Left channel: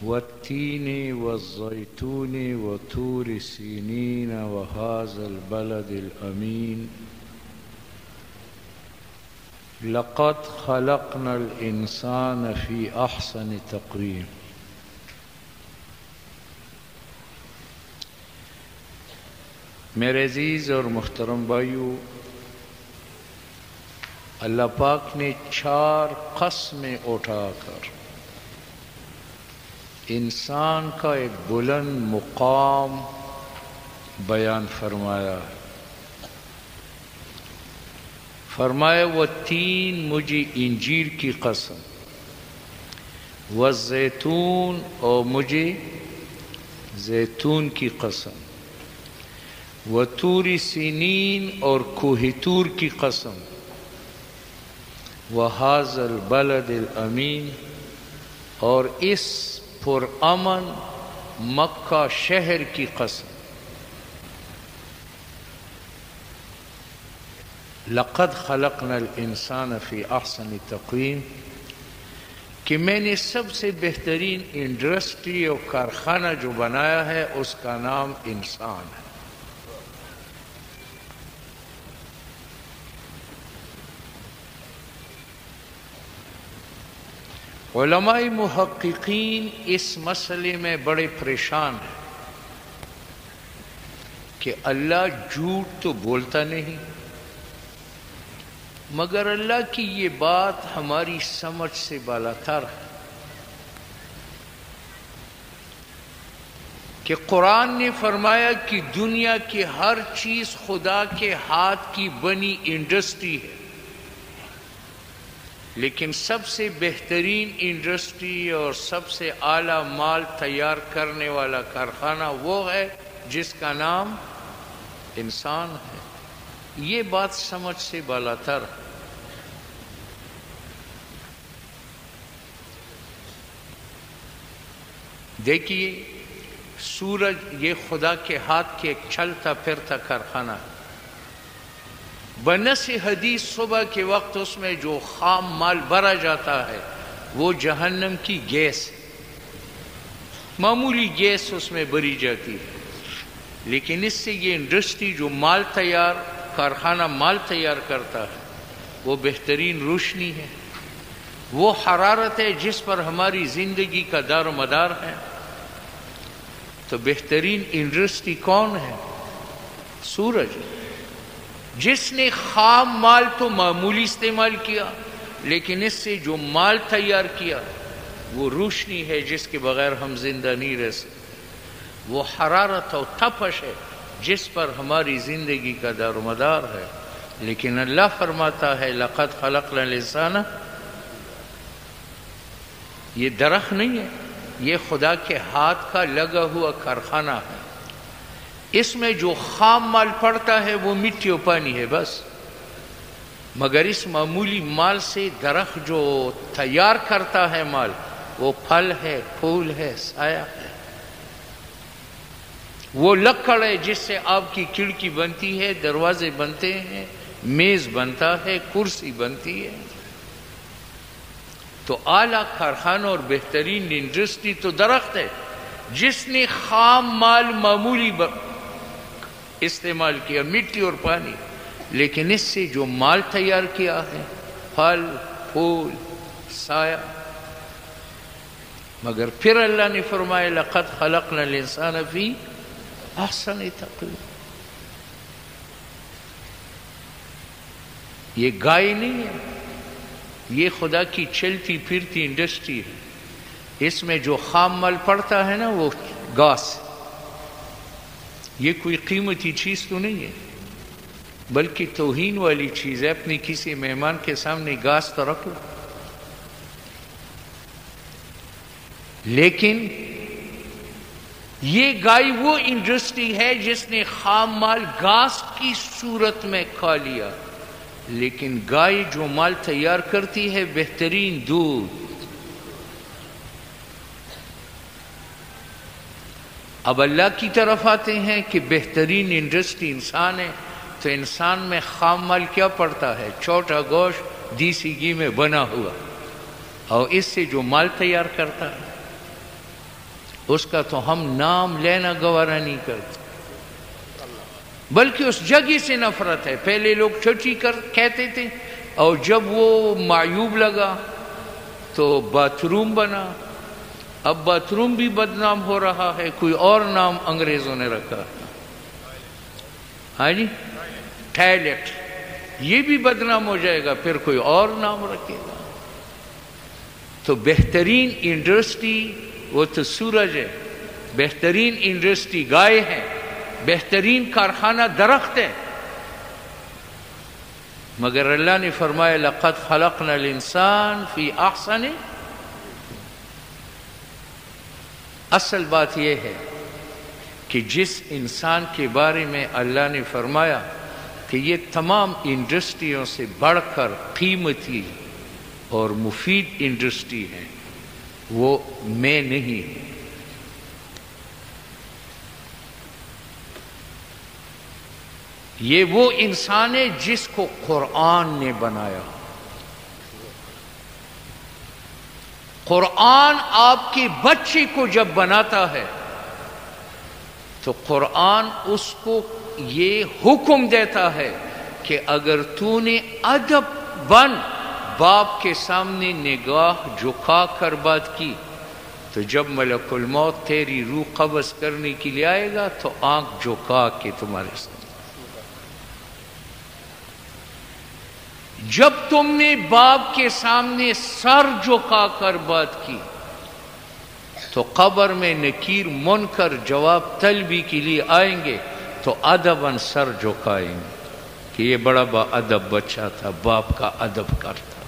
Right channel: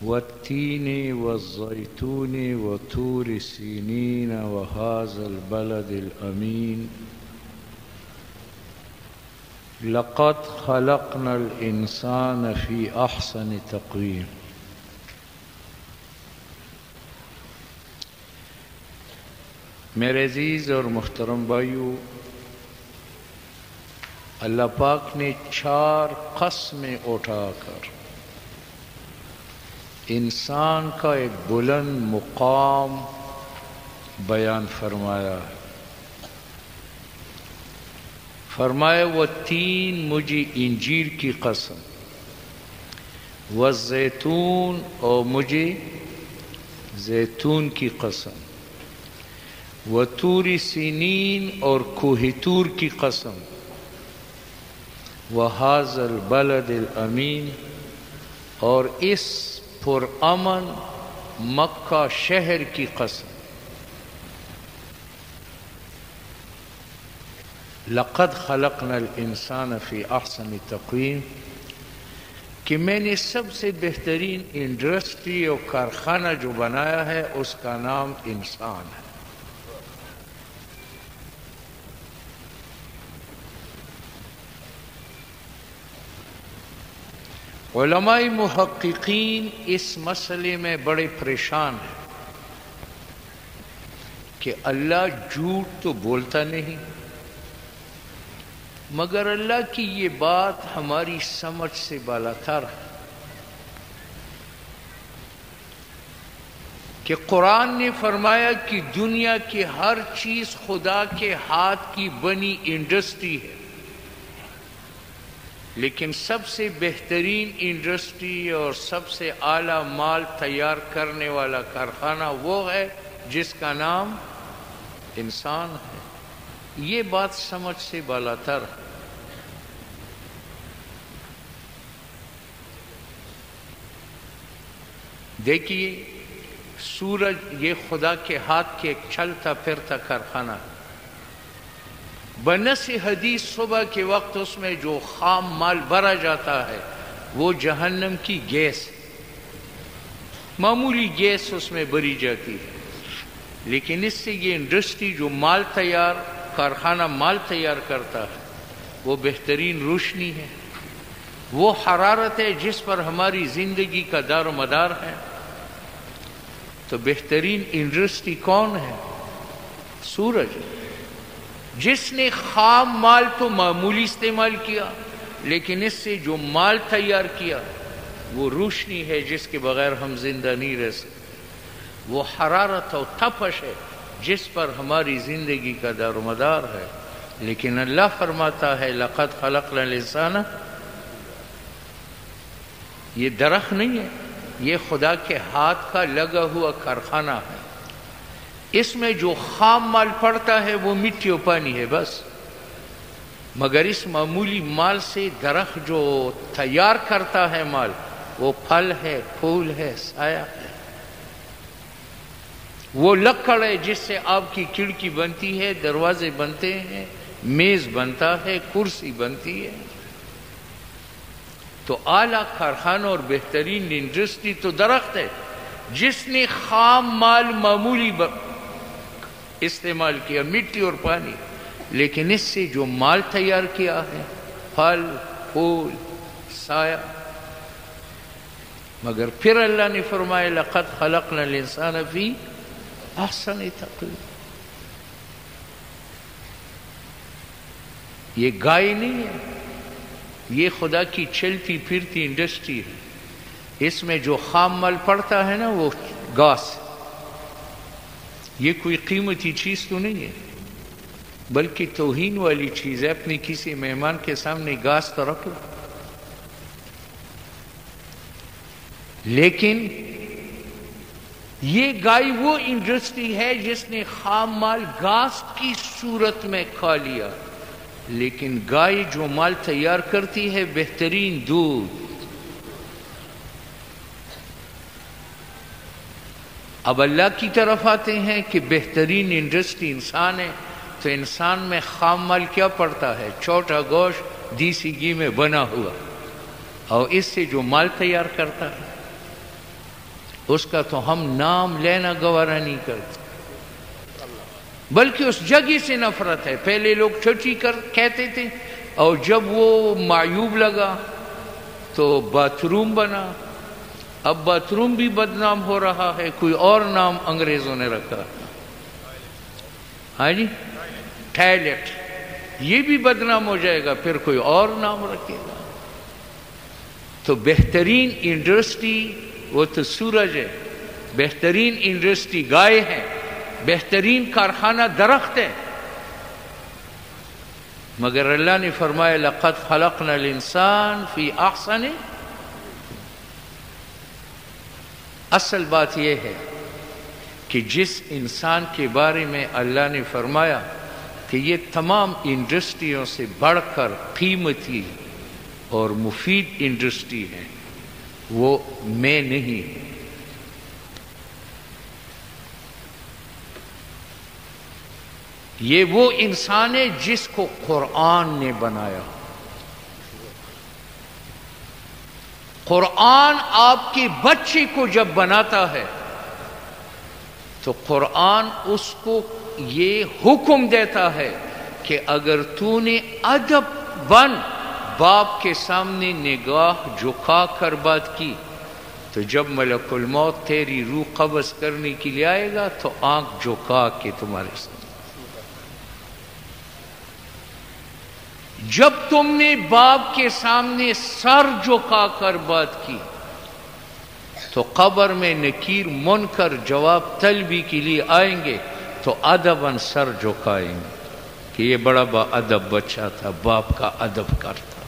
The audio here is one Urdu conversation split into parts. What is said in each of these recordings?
والتين والزيتون وطور سينين وهذا البلد الأمين لقد خلقنا الإنسان في أحسن تقويم۔ میرے عزیز اور محترم بھائیو، اللہ پاک نے 4 قسمیں اٹھا کر انسان کا ایک بلند مقام بیان فرمایا۔ فرمایا وہ 3 مجھے انجیر کی قسم، والزیتون اور مجھے زیتون کی قسم، وطور سینین اور کوہ طور کی قسم، وہذا البلد الامین اور اس پرامن مکہ شہر کی قسم۔ لقد خلقنا الانسان فی احسن تقویم، کہ میں نے سب سے بہترین انڈسٹری اور کارخانہ جو بنایا ہے اس کا نام انسان ہے۔ علماء محققین اس مسئلے میں بڑے پریشان ہیں کہ اللہ جھوٹ تو بولتا نہیں، مگر اللہ کی یہ بات ہماری سمجھ سے بالاتر ہے کہ قرآن نے فرمایا کہ دنیا کی ہر چیز خدا کے ہاتھ کی بنی انڈسٹری ہے، لیکن سب سے بہترین انڈسٹری اور سب سے اعلیٰ مال تیار کرنے والا کارخانہ وہ ہے جس کا نام انسان ہے۔ یہ بات سمجھ سے بالاتر ہے۔ دیکھیے، سورج یہ خدا کے ہاتھ کے ایک چلتا پھرتا کارخانہ ہے۔ بنص حدیث صبح کے وقت اس میں جو خام مال بھرا جاتا ہے وہ جہنم کی گیس، معمولی گیس اس میں بھری جاتی ہے، لیکن اس سے یہ انڈسٹری جو کارخانہ مال تیار کرتا ہے وہ بہترین روشنی ہے، وہ حرارت ہے جس پر ہماری زندگی کا دار و مدار ہے۔ تو بہترین انڈسٹری کون ہے؟ سورج، جس نے خام مال تو معمولی استعمال کیا، لیکن اس سے جو مال تیار کیا وہ روشنی ہے جس کے بغیر ہم زندہ نہیں رہ سکتے، وہ حرارت اور تپش ہے جس پر ہماری زندگی کا دار و مدار ہے۔ لیکن اللہ فرماتا ہے لقد خلقنا الانسان، یہ درخت نہیں ہے، یہ خدا کے ہاتھ کا لگا ہوا کارخانہ ہے۔ اس میں جو خام مال پڑتا ہے وہ مٹی و پانی ہے بس، مگر اس معمولی مال سے درخت جو تیار کرتا ہے مال، وہ پھل ہے، پھول ہے، سایہ ہے، وہ لکڑ ہے جس سے آپ کی کھڑکی بنتی ہے، دروازے بنتے ہیں، میز بنتا ہے، کرسی بنتی ہے۔ تو اعلیٰ کارخانہ اور بہترین انڈسٹری تو درخت ہے جس نے خام مال معمولی استعمال کیا، مٹی اور پانی، لیکن اس سے جو مال تیار کیا ہے، پھل، پھول، سایہ۔ مگر پھر اللہ نے فرمایا لقد خلقنا الانسان فی احسن تقویم۔ یہ گائے نہیں ہے، یہ خدا کی چلتی پھرتی انڈسٹری ہے۔ اس میں جو خام مال پڑتا ہے نا وہ گھاس، یہ کوئی قیمتی چیز تو نہیں ہے، بلکہ توہین والی چیز ہے۔ اپنی کسی مہمان کے سامنے گھاس تو رکھو، لیکن یہ گائے وہ انڈسٹری ہے جس نے خام مال گھاس کی صورت میں کھا لیا، لیکن گائے جو مال تیار کرتی ہے بہترین دودھ۔ اب اللہ کی طرف آتے ہیں کہ بہترین انڈسٹری انسان ہے، تو انسان میں خام مال کیا پڑتا ہے؟ چھوٹا گوشت دیسی گھی میں بنا ہوا، اور اس سے جو مال تیار کرتا ہے اس کا تو ہم نام لینا گوارا نہیں کرتے، بلکہ اس جگہ سے نفرت ہے۔ پہلے لوگ ٹٹی کہتے تھے، اور جب وہ معیوب لگا تو باتھ روم بنا، اب باتھ روم بھی بدنام ہو رہا ہے، کوئی اور نام انگریزوں نے رکھا۔ ہاں جی، ٹوائلٹ، یہ بھی بدنام ہو جائے گا، پھر کوئی اور نام رکھے گا۔ تو بہترین انڈسٹری وہ تو سورج ہے، بہترین انڈسٹری گائے ہے، بہترین کارخانہ درخت ہے، مگر اللہ نے فرمایا لقد خلقنا الانسان فی احسن۔ اصل بات یہ ہے کہ جس انسان کے بارے میں اللہ نے فرمایا کہ یہ تمام انڈسٹریوں سے بڑھ کر قیمتی اور مفید انڈسٹری ہے، وہ میں نہیں، یہ وہ انسان ہے جس کو قرآن نے بنایا۔ قرآن آپ کے بچے کو جب بناتا ہے تو قرآن اس کو یہ حکم دیتا ہے کہ اگر تو نے ادب بن باپ کے سامنے نگاہ جھکا کر بات کی تو جب ملک الموت تیری روح قبض کرنے کے لیے آئے گا تو آنکھ جھکا کے تمہارے سامنے۔ جب تم نے باپ کے سامنے سر جھکا کر بات کی تو قبر میں نکیر منکر جواب طلبی کے لیے آئیں گے تو ادباً سر جھکائیں گے کہ یہ بڑا با ادب بچہ تھا، باپ کا ادب کرتا۔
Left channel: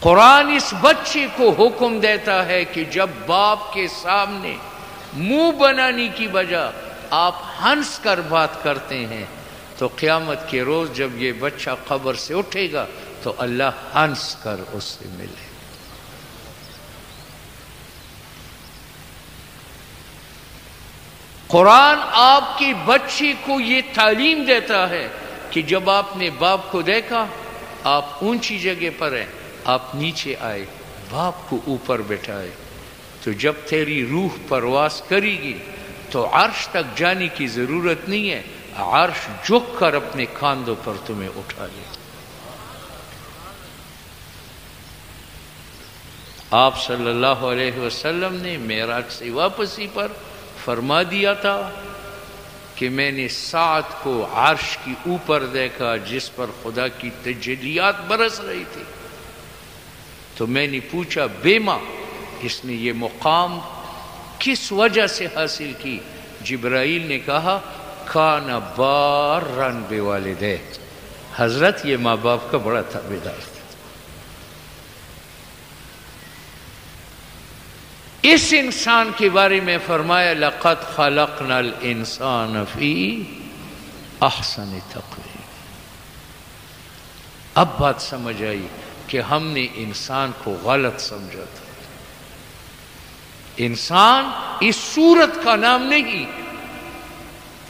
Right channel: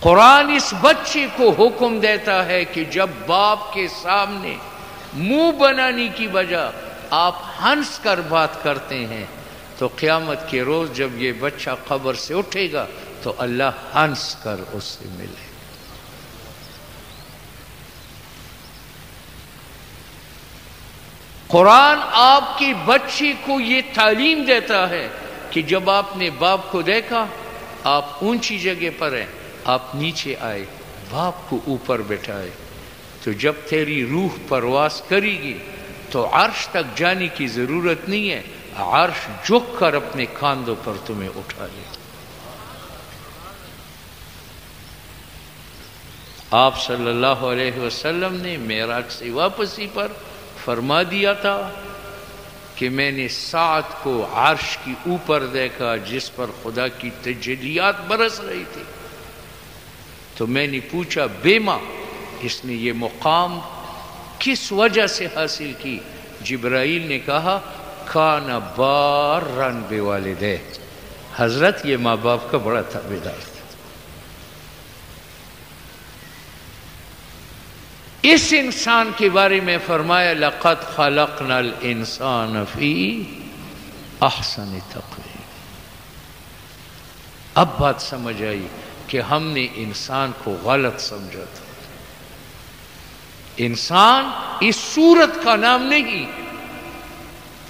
قرآن اس بچے کو حکم دیتا ہے کہ جب باپ کے سامنے منہ بنانے کی بجا آپ ہنس کر بات کرتے ہیں تو قیامت کے روز جب یہ بچہ قبر سے اٹھے گا تو اللہ ہنس کر اس سے ملے۔ قرآن آپ کے بچے کو یہ تعلیم دیتا ہے کہ جب آپ نے باپ کو دیکھا، آپ اونچی جگہ پر ہیں، آپ نیچے آئے، باپ کو اوپر بٹھائے، تو جب تیری روح پرواز کرے گی تو عرش تک جانے کی ضرورت نہیں ہے، عرش جھک کر اپنے کاندھوں پر تمہیں اٹھا لے۔ آپ صلی اللہ علیہ وسلم نے معراج سے واپسی پر فرما دیا تھا کہ میں نے سعد کو عرش کی اوپر دیکھا جس پر خدا کی تجلیات برس رہی تھی، تو میں نے پوچھا بیما اس نے یہ مقام کس وجہ سے حاصل کی؟ جبرائیل نے کہا کان بارن بوالدیہ، حضرت یہ ماں باپ کا بڑا تابعدار تھا۔ اس انسان کے بارے میں فرمایا لقد خلقنا الانسان فی احسن تقویم۔ اب بات سمجھ آئی کہ ہم نے انسان کو غلط سمجھا تھا۔ انسان اس صورت کا نام نہیں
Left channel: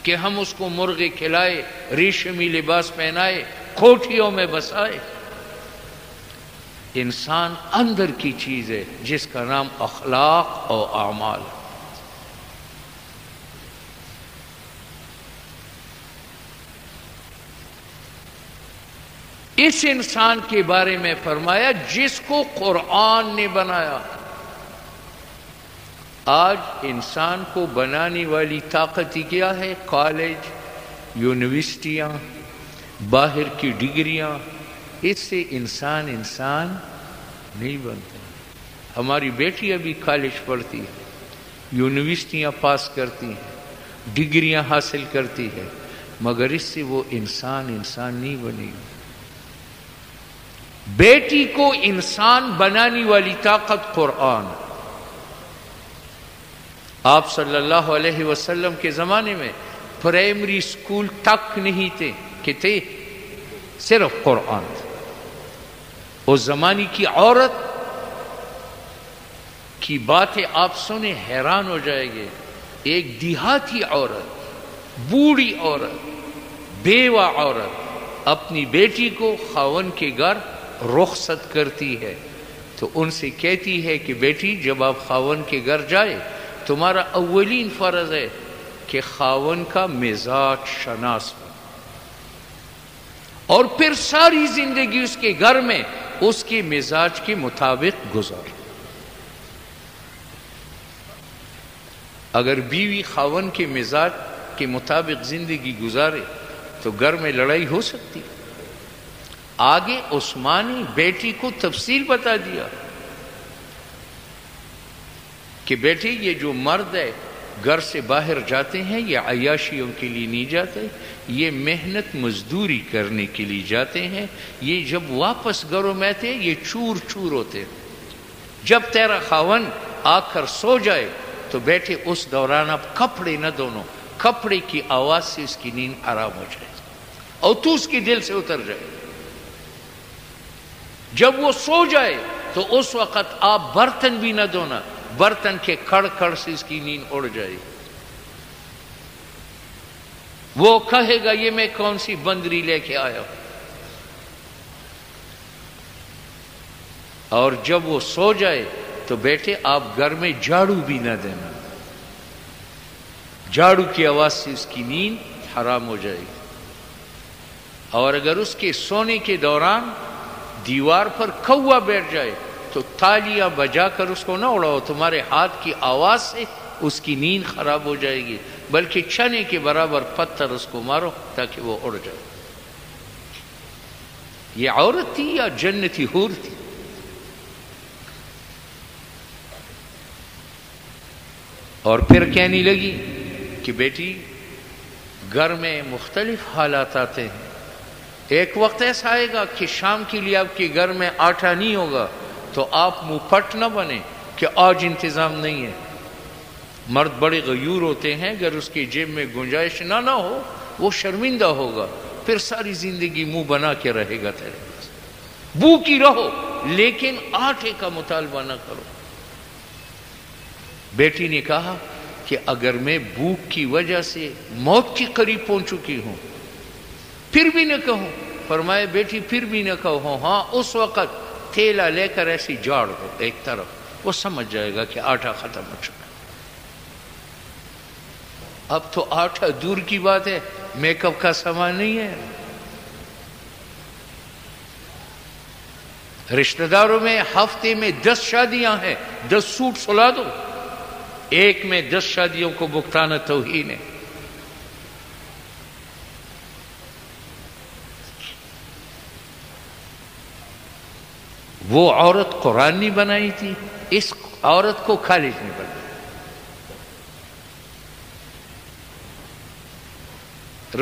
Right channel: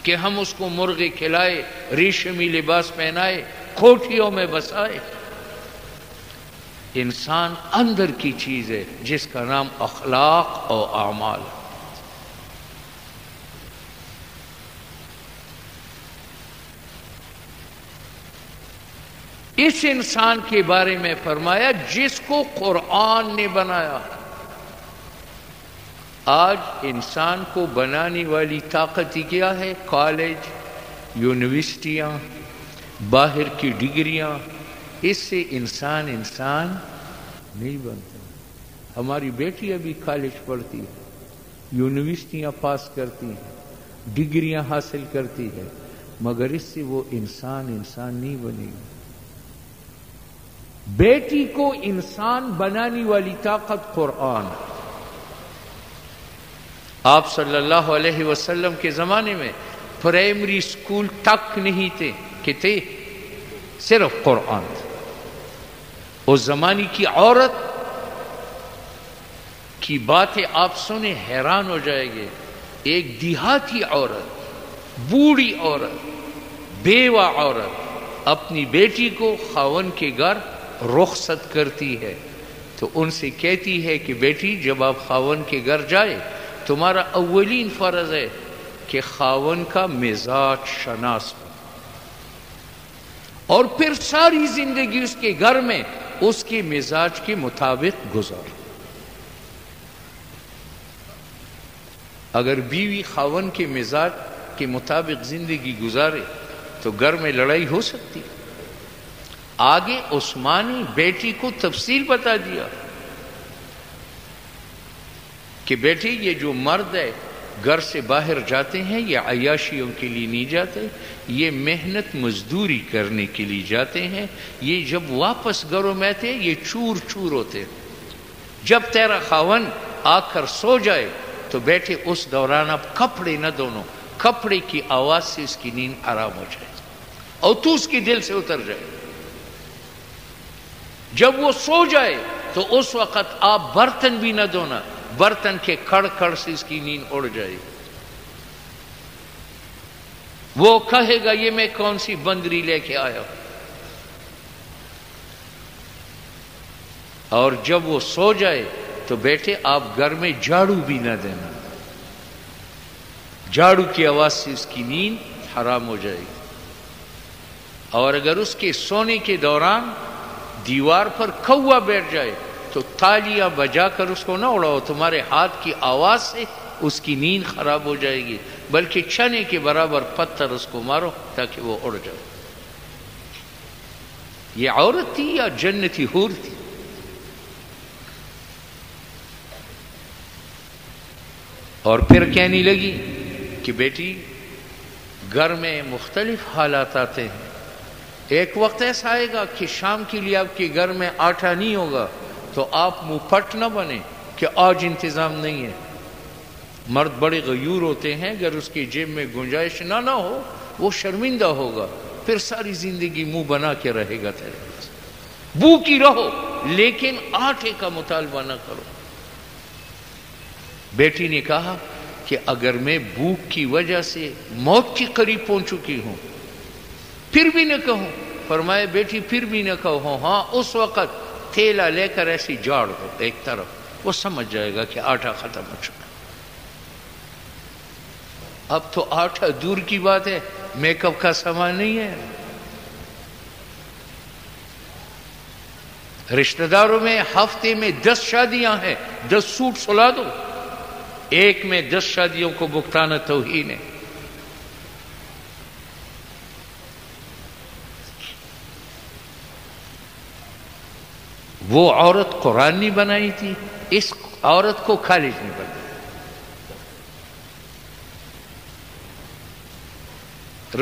کہ ہم اس کو مرغے کھلائے، ریشمی لباس پہنائے، کوٹھیوں میں بسائے۔ انسان اندر کی چیز ہے جس کا نام اخلاق اور اعمال۔ اس انسان کے بارے میں فرمایا جس کو قرآن نے بنایا۔ آج انسان کو بنانے والی طاقت کیا ہے؟ کالج، یونیورسٹیاں، باہر کی ڈگریاں، اس سے انسان نہیں بنتے۔ ہماری بیٹی ابھی کالج پڑھتی ہے، یونیورسٹیاں پاس کرتی ہیں، ڈگریاں حاصل کرتی ہے، مگر اس سے وہ انسان نہیں بنے گی۔ بیٹی کو انسان بنانے والی طاقت قرآن۔ آپ صلی اللہ علیہ وسلم کے زمانے میں پرائمری اسکول تک نہیں تھے کہ تھے صرف قرآن تھے۔ اس زمانے کی عورت کی باتیں آپ سنیں حیران ہو جائے گے۔ ایک دیہاتی عورت، بوڑھی عورت، بیوہ عورت اپنی بیٹی کو خاوند کے گھر رخصت کرتی ہے تو ان سے کہتی ہے کہ بیٹی جب آپ خاون کے گھر جائے تمہارا اولین فرض ہے کہ خاون کا مزاج شناس ہو، اور پھر ساری زندگی اس کے گھر میں اس کے مزاج کے مطابق گزار۔ اگر بیوی خاون کے مزاج کے مطابق زندگی گزارے تو گھر میں لڑائی ہو سکتی۔ آگے عثمان نے بیٹی کو تفصیل بتا دیا کہ بیٹی یہ جو مرد ہے گھر سے باہر جاتے ہیں یہ عیاشیوں کے لیے نہیں جاتے، یہ محنت مزدوری کرنے کے لیے جاتے ہیں، یہ جب واپس گھروں میں آتے ہیں یہ چور چور ہوتے ہیں۔ جب تیرا خاون آ کر سو جائے تو بیٹے اس دوران آپ کپڑے نہ دھونا، کپڑے کی آواز سے اس کی نیند آرام ہو جائے اور تو اس کے دل سے اتر جائے۔ جب وہ سو جائے تو اس وقت آپ برتن بھی نہ دھونا، برتن کے کڑ کڑ سے اس کی نیند اڑ جائے۔ وہ کہے گا یہ میں کون سی بندری لے کے آیا ہوں۔ اور جب وہ سو جائے تو بیٹے آپ گھر میں جھاڑو بھی نہ دینا، جھاڑو کی آواز سے اس کی نیند حرام ہو جائے گی۔ اور اگر اس کے سونے کے دوران دیوار پر کوا بیٹھ جائے تو تالیاں بجا کر اس کو نہ اڑاؤ، تمہارے ہاتھ کی آواز سے اس کی نیند خراب ہو جائے گی، بلکہ چنے کے برابر پتھر اس کو مارو تاکہ وہ اڑ جائے۔ یہ عورت تھی یا جنتی حور تھی؟ اور پھر کہنے لگی کہ بیٹی گھر میں مختلف حالات آتے ہیں، ایک وقت ایسا آئے گا کہ شام کے لیے آپ کے گھر میں آٹا نہیں ہوگا تو آپ منہ پٹ نہ بنے کہ آج انتظام نہیں ہے۔ مرد بڑے غیور ہوتے ہیں، اگر اس کی جیب میں گنجائش نہ ہو وہ شرمندہ ہوگا، پھر ساری زندگی منہ بنا کے رہے گا تیرے پاس۔ بھوکی رہو لیکن آٹے کا مطالبہ نہ کرو۔ بیٹی نے کہا کہ اگر میں بھوک کی وجہ سے موت کے قریب پہنچ چکی ہوں پھر بھی نہ کہوں؟ فرمائے بیٹی پھر بھی نہ کہو، ہاں اس وقت تھیلا لے کر ایسی جاڑ دو ایک طرف، وہ سمجھ جائے گا کہ آٹا ختم ہو چکا۔ اب تو آٹا دور کی بات ہے، میک اپ کا سامان نہیں ہے۔ رشتہ داروں میں ہفتے میں 10 شادیاں ہیں، 10 سوٹ سلا دو، ایک میں 10 شادیوں کو بھگتانا توہین ہے۔ وہ عورت قرآن نہیں بنائی تھی، اس عورت کو کالج میں بنائی۔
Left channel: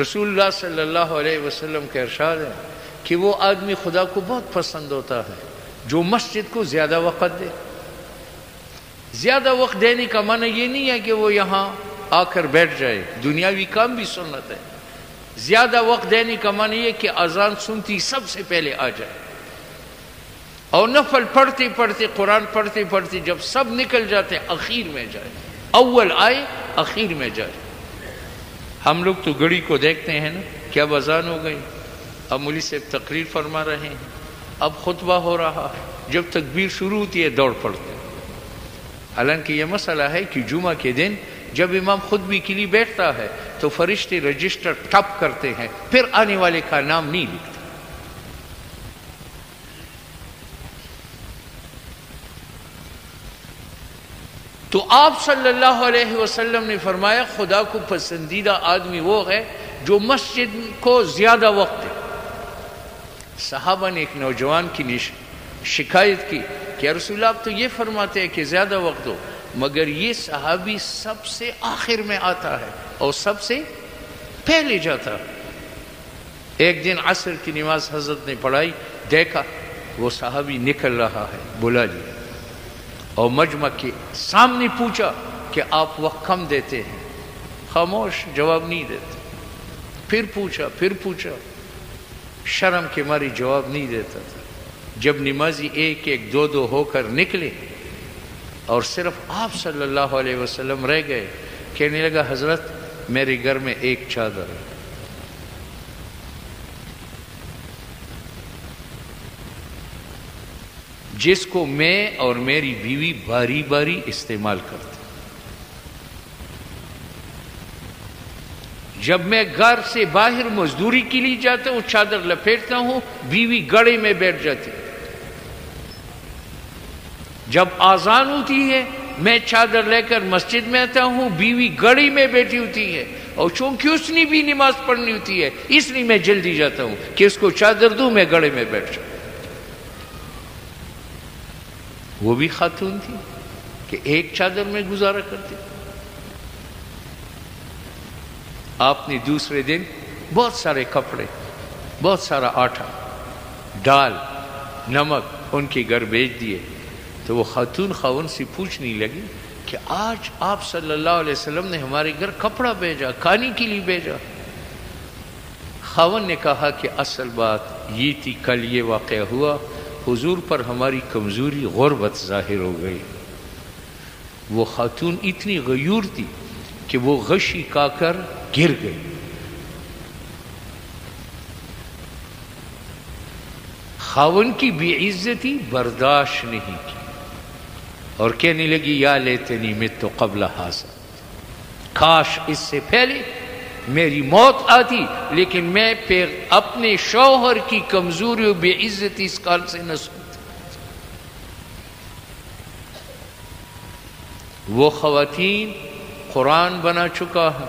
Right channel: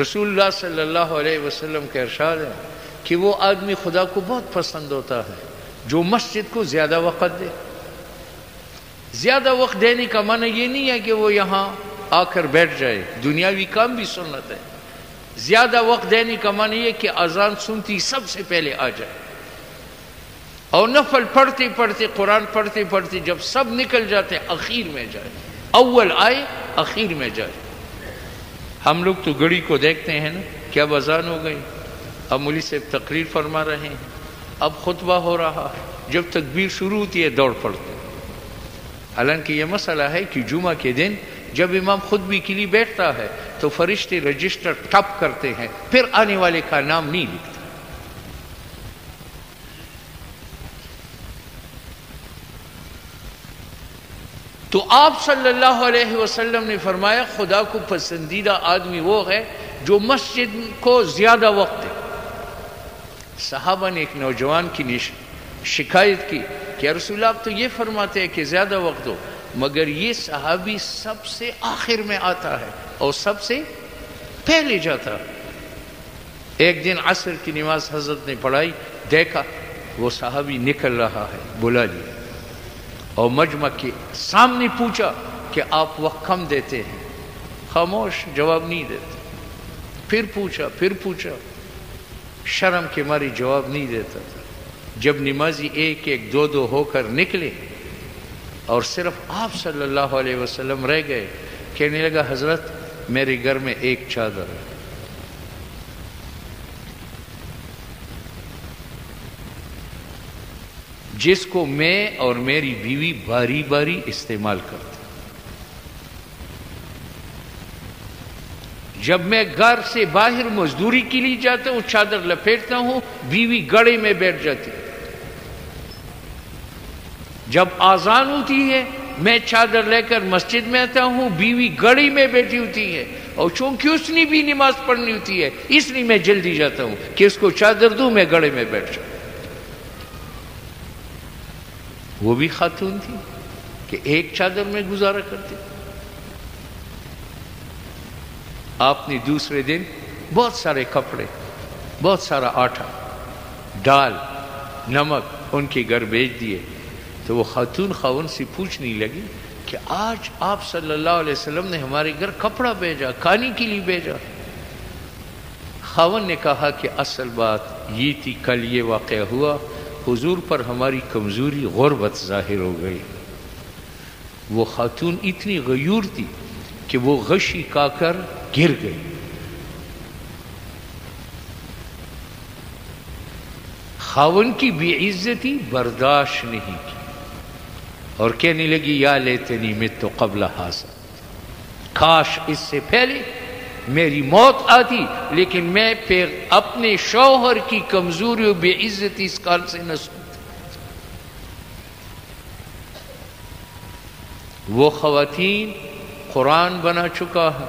رسول اللہ صلی اللہ علیہ وسلم کا ارشاد ہے کہ وہ آدمی خدا کو بہت پسند ہوتا ہے جو مسجد کو زیادہ وقت دے۔ زیادہ وقت دینے کا معنی یہ نہیں ہے کہ وہ یہاں آ کر بیٹھ جائے، دنیاوی کام بھی سنت ہے۔ زیادہ وقت دینے کا معنی یہ کہ اذان سنتی سب سے پہلے آ جائے اور نفل پڑھتے پڑھتے قرآن پڑھتے پڑھتے جب سب نکل جاتے اخیر میں جائے، اول آئے اخیر میں جائے۔ ہم لوگ تو گھڑی کو دیکھتے ہیں نا کیا اذان ہو گئی، اب مولوی صاحب تقریر فرما رہے ہیں، اب خطبہ ہو رہا ہے، جب تکبیر شروع ہوتی ہے دوڑ پڑتے ہیں۔ حالانکہ یہ مسئلہ ہے کہ جمعہ کے دن جب امام خطبے کے لیے بیٹھتا ہے تو فرشتے رجسٹر ٹپ کرتے ہیں، پھر آنے والے کا نام نہیں لکھتے۔ تو آپ صلی اللہ علیہ وسلم نے فرمایا خدا کو پسندیدہ آدمی وہ ہے جو مسجد کو زیادہ وقت دے۔ صحابہ نے ایک نوجوان کی شکایت کی کہ یا رسول اللہ آپ تو یہ فرماتے ہیں کہ زیادہ وقت دو، مگر یہ صحابی سب سے آخر میں آتا ہے اور سب سے پہلے جاتا ہے۔ ایک دن عصر کی نماز حضرت نے پڑھائی، دیکھا وہ صحابی نکل رہا ہے، بلا لیا اور مجمع کے سامنے پوچھا کہ آپ وقت کم دیتے ہیں؟ خاموش، جواب نہیں دیتے۔ پھر پوچھا، شرم کے ماری جواب نہیں دیتا تھا۔ جب نمازی ایک ایک دو دو ہو کر نکلے اور صرف آپ صلی اللہ علیہ وسلم رہ گئے، کہنے لگا حضرت میرے گھر میں ایک چادر ہے۔ جس کو میں اور میری بیوی باری باری استعمال کرتے. جب میں گھر سے باہر مزدوری کے لیے جاتا ہوں چادر لپیٹتا ہوں، بیوی گڑے میں بیٹھ جاتی. جب آذان ہوتی ہے میں چادر لے کر مسجد میں آتا ہوں، بیوی گڑی میں بیٹھی ہوتی ہے، اور چونکہ اس نے بھی نماز پڑھنی ہوتی ہے اس لیے میں جلدی جاتا ہوں کہ اس کو چادر دوں، میں گڑے میں بیٹھ جاؤں. وہ بھی خاتون تھی کہ ایک چادر میں گزارا کرتی. آپ نے دوسرے دن بہت سارے کپڑے، بہت سارا آٹا، دال، نمک ان کے گھر بھیج دیے. تو وہ خاتون خاون سے پوچھنے لگی کہ آج آپ صلی اللہ علیہ وسلم نے ہمارے گھر کپڑا بھیجا، کھانے کے لیے بھیجا. خاون نے کہا کہ اصل بات یہ تھی، کل یہ واقعہ ہوا، حضور پر ہماری کمزوری غربت ظاہر ہو گئی. وہ خاتون اتنی غیور تھی کہ وہ غشی کا کر گر گئی. خاون کی بے عزتی برداشت نہیں کی اور کہنے لگی یا لیتنی مت قبل ھذا، کاش اس سے پہلے میری موت آتی، لیکن میں پھر اپنے شوہر کی کمزوری و بے عزتی اس کار سے نہ سنتی. وہ خواتین قرآن بنا چکا ہے،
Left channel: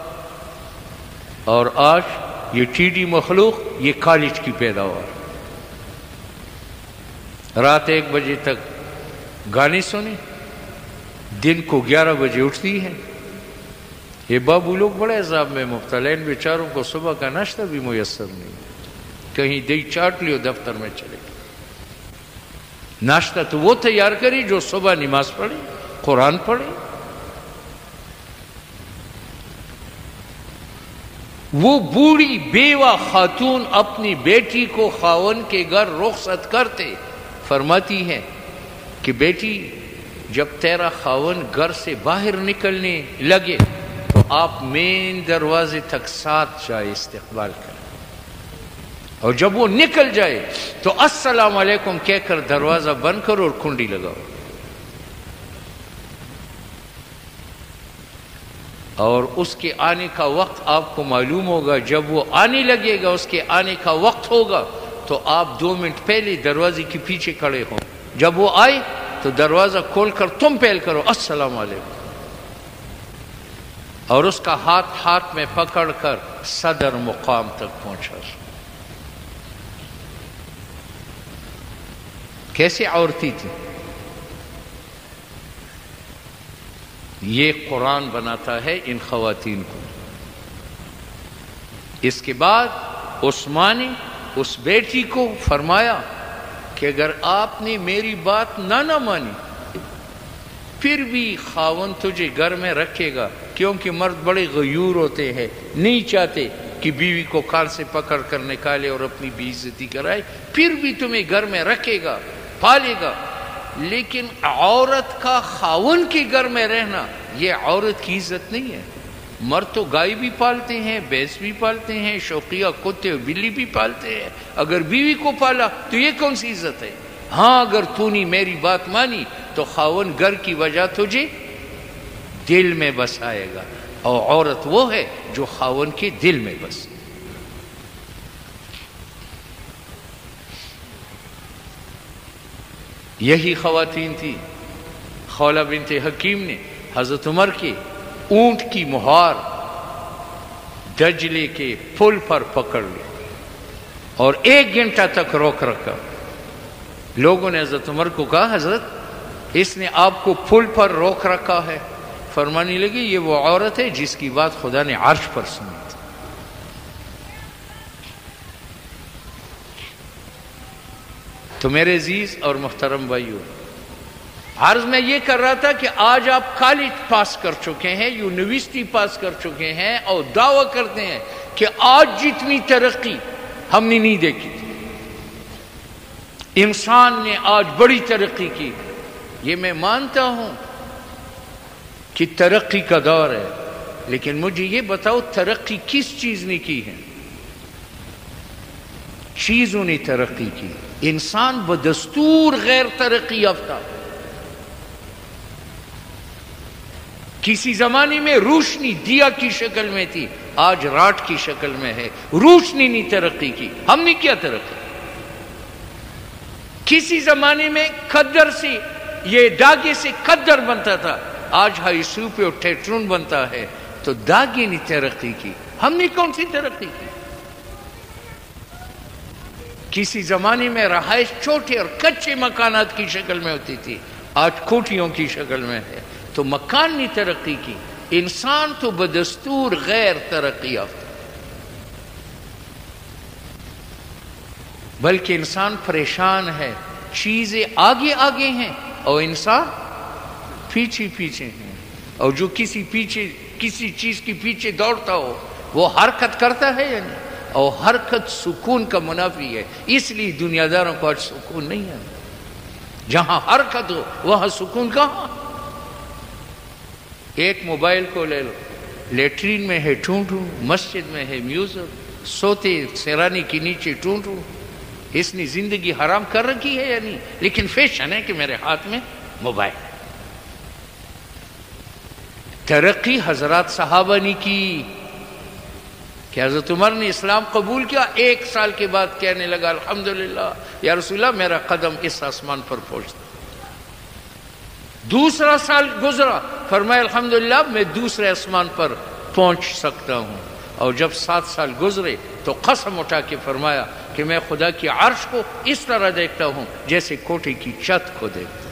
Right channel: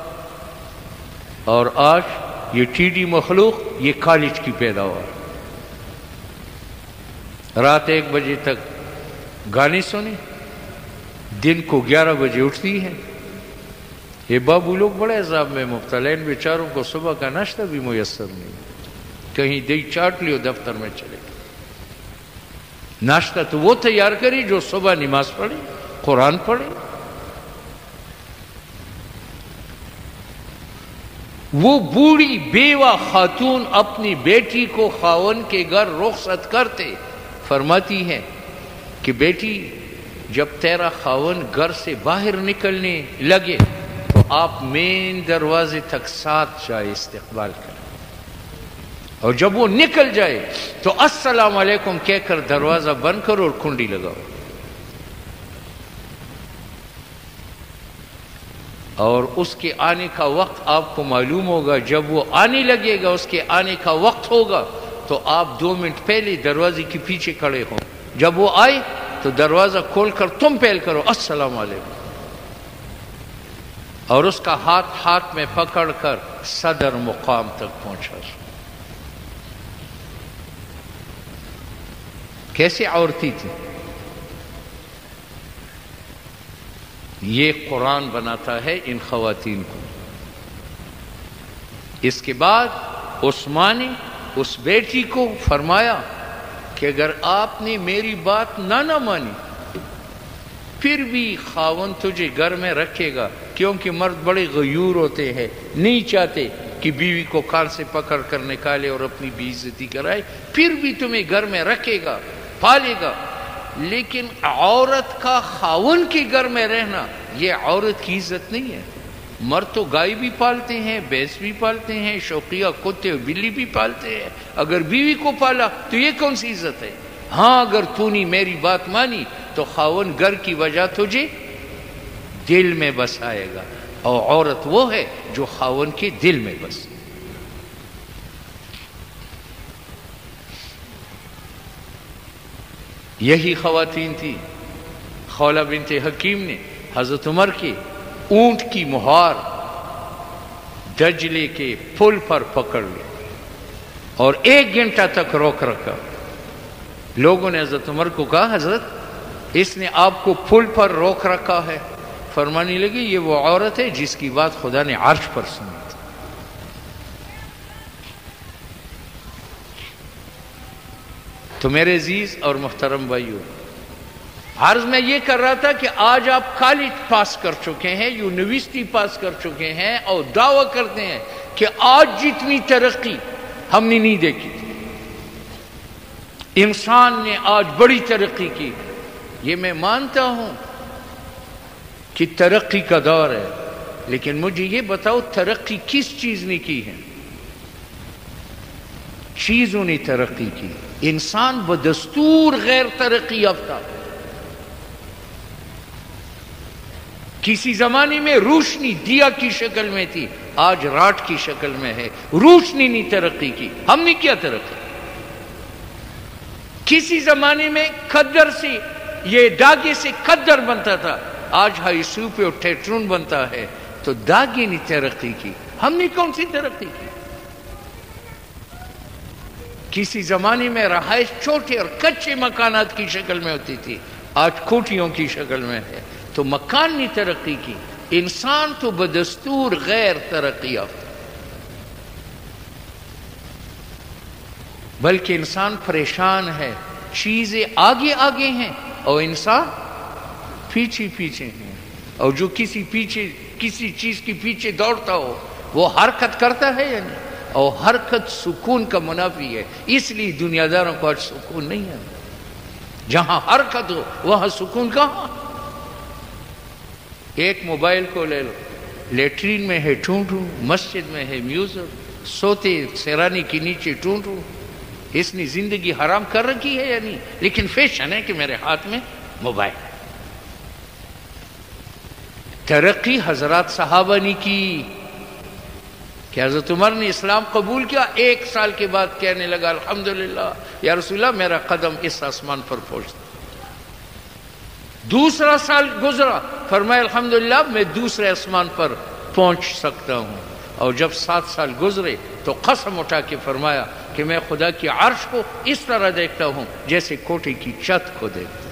اور آج یہ ٹیڈی مخلوق یہ کالج کی پیداوار. رات 1 بجے تک گانے سنے، دن کو 11 بجے اٹھتی ہے. یہ بابو لوگ بڑے عذاب میں مبتلا ہیں، ان بیچاروں کو صبح کا ناشتہ بھی میسر نہیں. کہیں دہی چاٹ لیو دفتر میں چلے. ناشتہ تو وہ تیار کرے جو صبح نماز پڑھے، قرآن پڑھے. وہ بوڑھی بیوہ خاتون اپنی بیٹی کو خاون کے گھر رخصت کرتے فرماتی ہے کہ بیٹی جب تیرا خاون گھر سے باہر نکلنے لگے تو آپ مین دروازے تک ساتھ جائے استقبال کریں، اور جب وہ نکل جائے تو السلام علیکم کہہ کر دروازہ بند کرو اور کنڈی لگاؤ. اور اس کے آنے کا وقت آپ کو معلوم ہوگا. جب وہ آنے لگے گا، اس کے آنے کا وقت ہوگا، تو آپ 2 منٹ پہلے دروازے کے پیچھے کھڑے ہوں. جب وہ آئے تو دروازہ کھول کر تم پہل کرو السلام علیکم، اور اس کا ہاتھ میں پکڑ کر صدر مقام تک پہنچا. کیسے عورتی تھی؟ یہ قرآن بناتا ہے ان خواتین کو. اس کے بعد عثمان نے اس بیٹی کو فرمایا کہ اگر آپ نے میری بات نہ مانی پھر بھی خاون تجھے گھر میں رکھے گا، کیونکہ مرد بڑے غیور ہوتے ہیں، نہیں چاہتے کہ بیوی کو کان سے پکڑ کر نکالے اور اپنی بے عزتی کرائے، پھر بھی تمہیں گھر میں رکھے گا، پالے گا. لیکن عورت کا خاون کے گھر میں رہنا یہ عورت کی عزت نہیں ہے. مرد تو گائے بھی پالتے ہیں، بھینس بھی پالتے ہیں، شوقیہ کتے بلی بھی پالتے ہیں. اگر بیوی کو پالا تو یہ کون سی عزت ہے؟ ہاں اگر تو نے میری بات مانی تو خاون گھر کی وجہ تجھے دل میں بسائے گا، اور عورت وہ ہے جو خاون کے دل میں بسے. یہی خواتین تھی. خولہ بنت حکیم نے حضرت عمر کے اونٹ کی مہار دجلے کے پل پر پکڑ لی اور 1 گھنٹہ تک روک رکھا. لوگوں نے حضرت عمر کو کہا حضرت اس نے آپ کو پل پر روک رکھا ہے. فرمانے لگی یہ وہ عورت ہے جس کی بات خدا نے عرش پر سنی تھی. تو میرے عزیز اور محترم بھائیو، عرض میں یہ کر رہا تھا کہ آج آپ کالج پاس کر چکے ہیں، یونیورسٹی پاس کر چکے ہیں، اور دعویٰ کرتے ہیں کہ آج جتنی ترقی ہم نے نہیں دیکھی. انسان نے آج بڑی ترقی کی. یہ میں مانتا ہوں کہ ترقی کا دور ہے، لیکن مجھے یہ بتاؤ ترقی کس چیز نے کی ہے؟ چیزوں نے ترقی کی. انسان بدستور غیر ترقی یافتہ. کسی زمانے میں روشنی دیا کی شکل میں تھی، آج راٹ کی شکل میں ہے. روشنی نے ترقی کی، ہم نے کیا ترقی؟ کسی زمانے میں کھدر سے، یہ داغے سے کھدر بنتا تھا، آج ہائی سو پہ ٹیٹرون بنتا ہے. تو داغے نے ترقی کی، ہم نے کون سی ترقی کی؟ کسی زمانے میں رہائش چھوٹے اور کچے مکانات کی شکل میں ہوتی تھی، آج کوٹھیوں کی شکل میں ہے. تو مکان نے ترقی کی، انسان تو بدستور غیر ترقی یافتہ. بلکہ انسان پریشان ہے، چیزیں آگے آگے ہیں اور انسان پیچھے پیچھے ہیں. اور جو کسی چیز کے پیچھے دوڑتا ہو وہ حرکت کرتا ہے یا نہیں؟ اور حرکت سکون کا منافی ہے. اس لیے دنیا داروں کو آج سکون نہیں ہے. جہاں حرکت ہو وہاں سکون کہاں؟ ایک موبائل کو لے لو، لیٹرین میں ہے ٹھوں ٹھوں، مسجد میں ہے میوزک، سوتے سیرانی کے نیچے ٹھوں ٹھوں. اس نے زندگی حرام کر رکھی ہے یا نہیں؟ لیکن فیشن ہے کہ میرے ہاتھ میں موبائل. ترقی حضرات صحابہ نے کی کہ حضرت عمر نے اسلام قبول کیا، 1 سال کے بعد کہنے لگا الحمدللہ یا رسول اللہ میرا قدم اس آسمان پر پہنچتا. دوسرا سال گزرا، فرمایا الحمدللہ میں دوسرے آسمان پر پہنچ سکتا ہوں. اور جب 7 سال گزرے تو قسم اٹھا کے فرمایا کہ میں خدا کی عرش کو اس طرح دیکھتا ہوں جیسے کوٹھے کی چھت کو دیکھتا ہوں.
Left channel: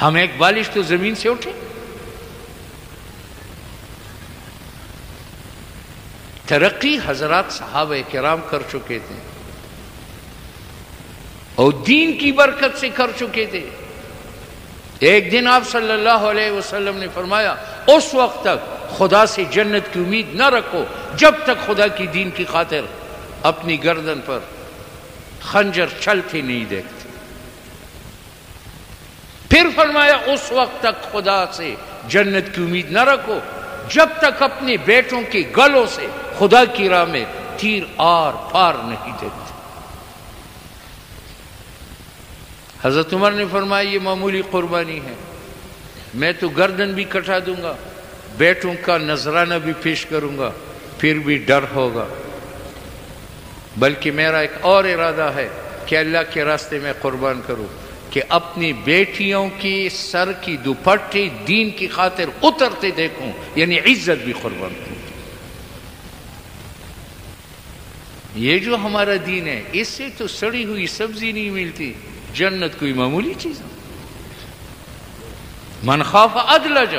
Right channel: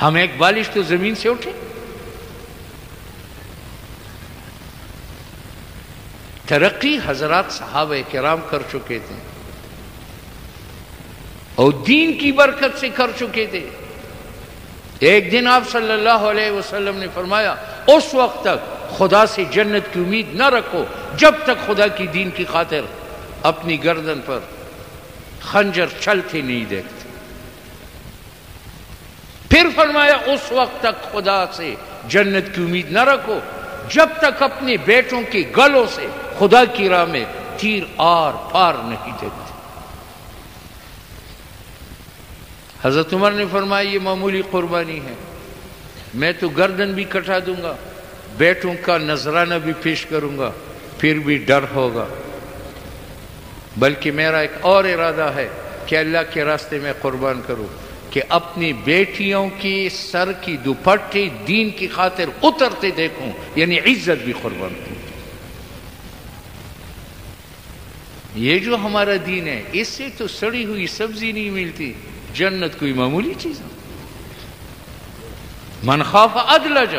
ہم ایک بالش تو زمین سے اٹھے. ترقی حضرات صحابہ کرام کر چکے تھے اور دین کی برکت سے کر چکے تھے. ایک دن آپ صلی اللہ علیہ وسلم نے فرمایا اس وقت تک خدا سے جنت کی امید نہ رکھو جب تک خدا کی دین کی خاطر اپنی گردن پر خنجر چلتے نہیں دیکھتے. پھر فرمایا اس وقت تک خدا سے جنت کی امید نہ رکھو جب تک اپنے بیٹوں کے گلوں سے خدا کی راہ میں تیر آر پار نہیں دیکھتے. حضرت عمر نے فرمایا یہ معمولی قربانی ہے، میں تو گردن بھی کٹا دوں گا، بیٹوں کا نذرانہ بھی پیش کروں گا، پھر بھی ڈر ہوگا. بلکہ میرا ایک اور ارادہ ہے کہ اللہ کے راستے میں قربان کروں کہ اپنی بیٹیوں کی سر کی دوپٹے دین کی خاطر اترتے دیکھوں، یعنی عزت بھی قربان کروں. یہ جو ہمارا دین ہے اس سے تو سڑی ہوئی سبزی نہیں ملتی. جنت کوئی معمولی چیز ہے. من خاف ادلج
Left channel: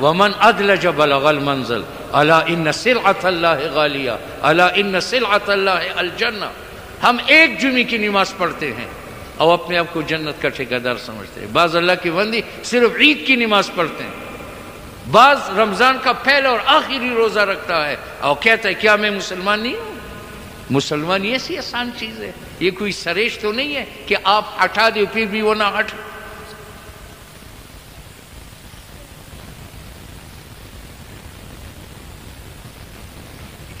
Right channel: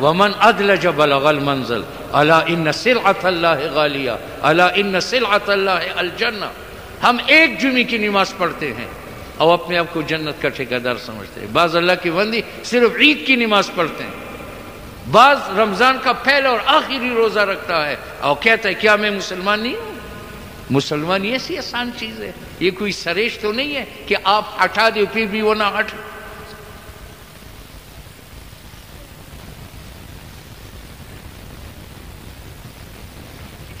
ومن ادلج بلغ المنزل الا ان سلعۃ اللہ غالیہ الا ان سلعۃ اللہ الجنہ. ہم ایک جمعے کی نماز پڑھتے ہیں اور اپنے آپ کو جنت کا ٹھیکیدار سمجھتے ہیں. بعض اللہ کی بندی صرف عید کی نماز پڑھتے ہیں، بعض رمضان کا پہلا اور آخری روزہ رکھتا ہے اور کہتا ہے کیا میں مسلمان نہیں ہوں؟ مسلمان یہ ایسی آسان چیز ہے، یہ کوئی سریش تو نہیں ہے کہ آپ ہٹا دو پھر بھی وہ نہ ہٹ.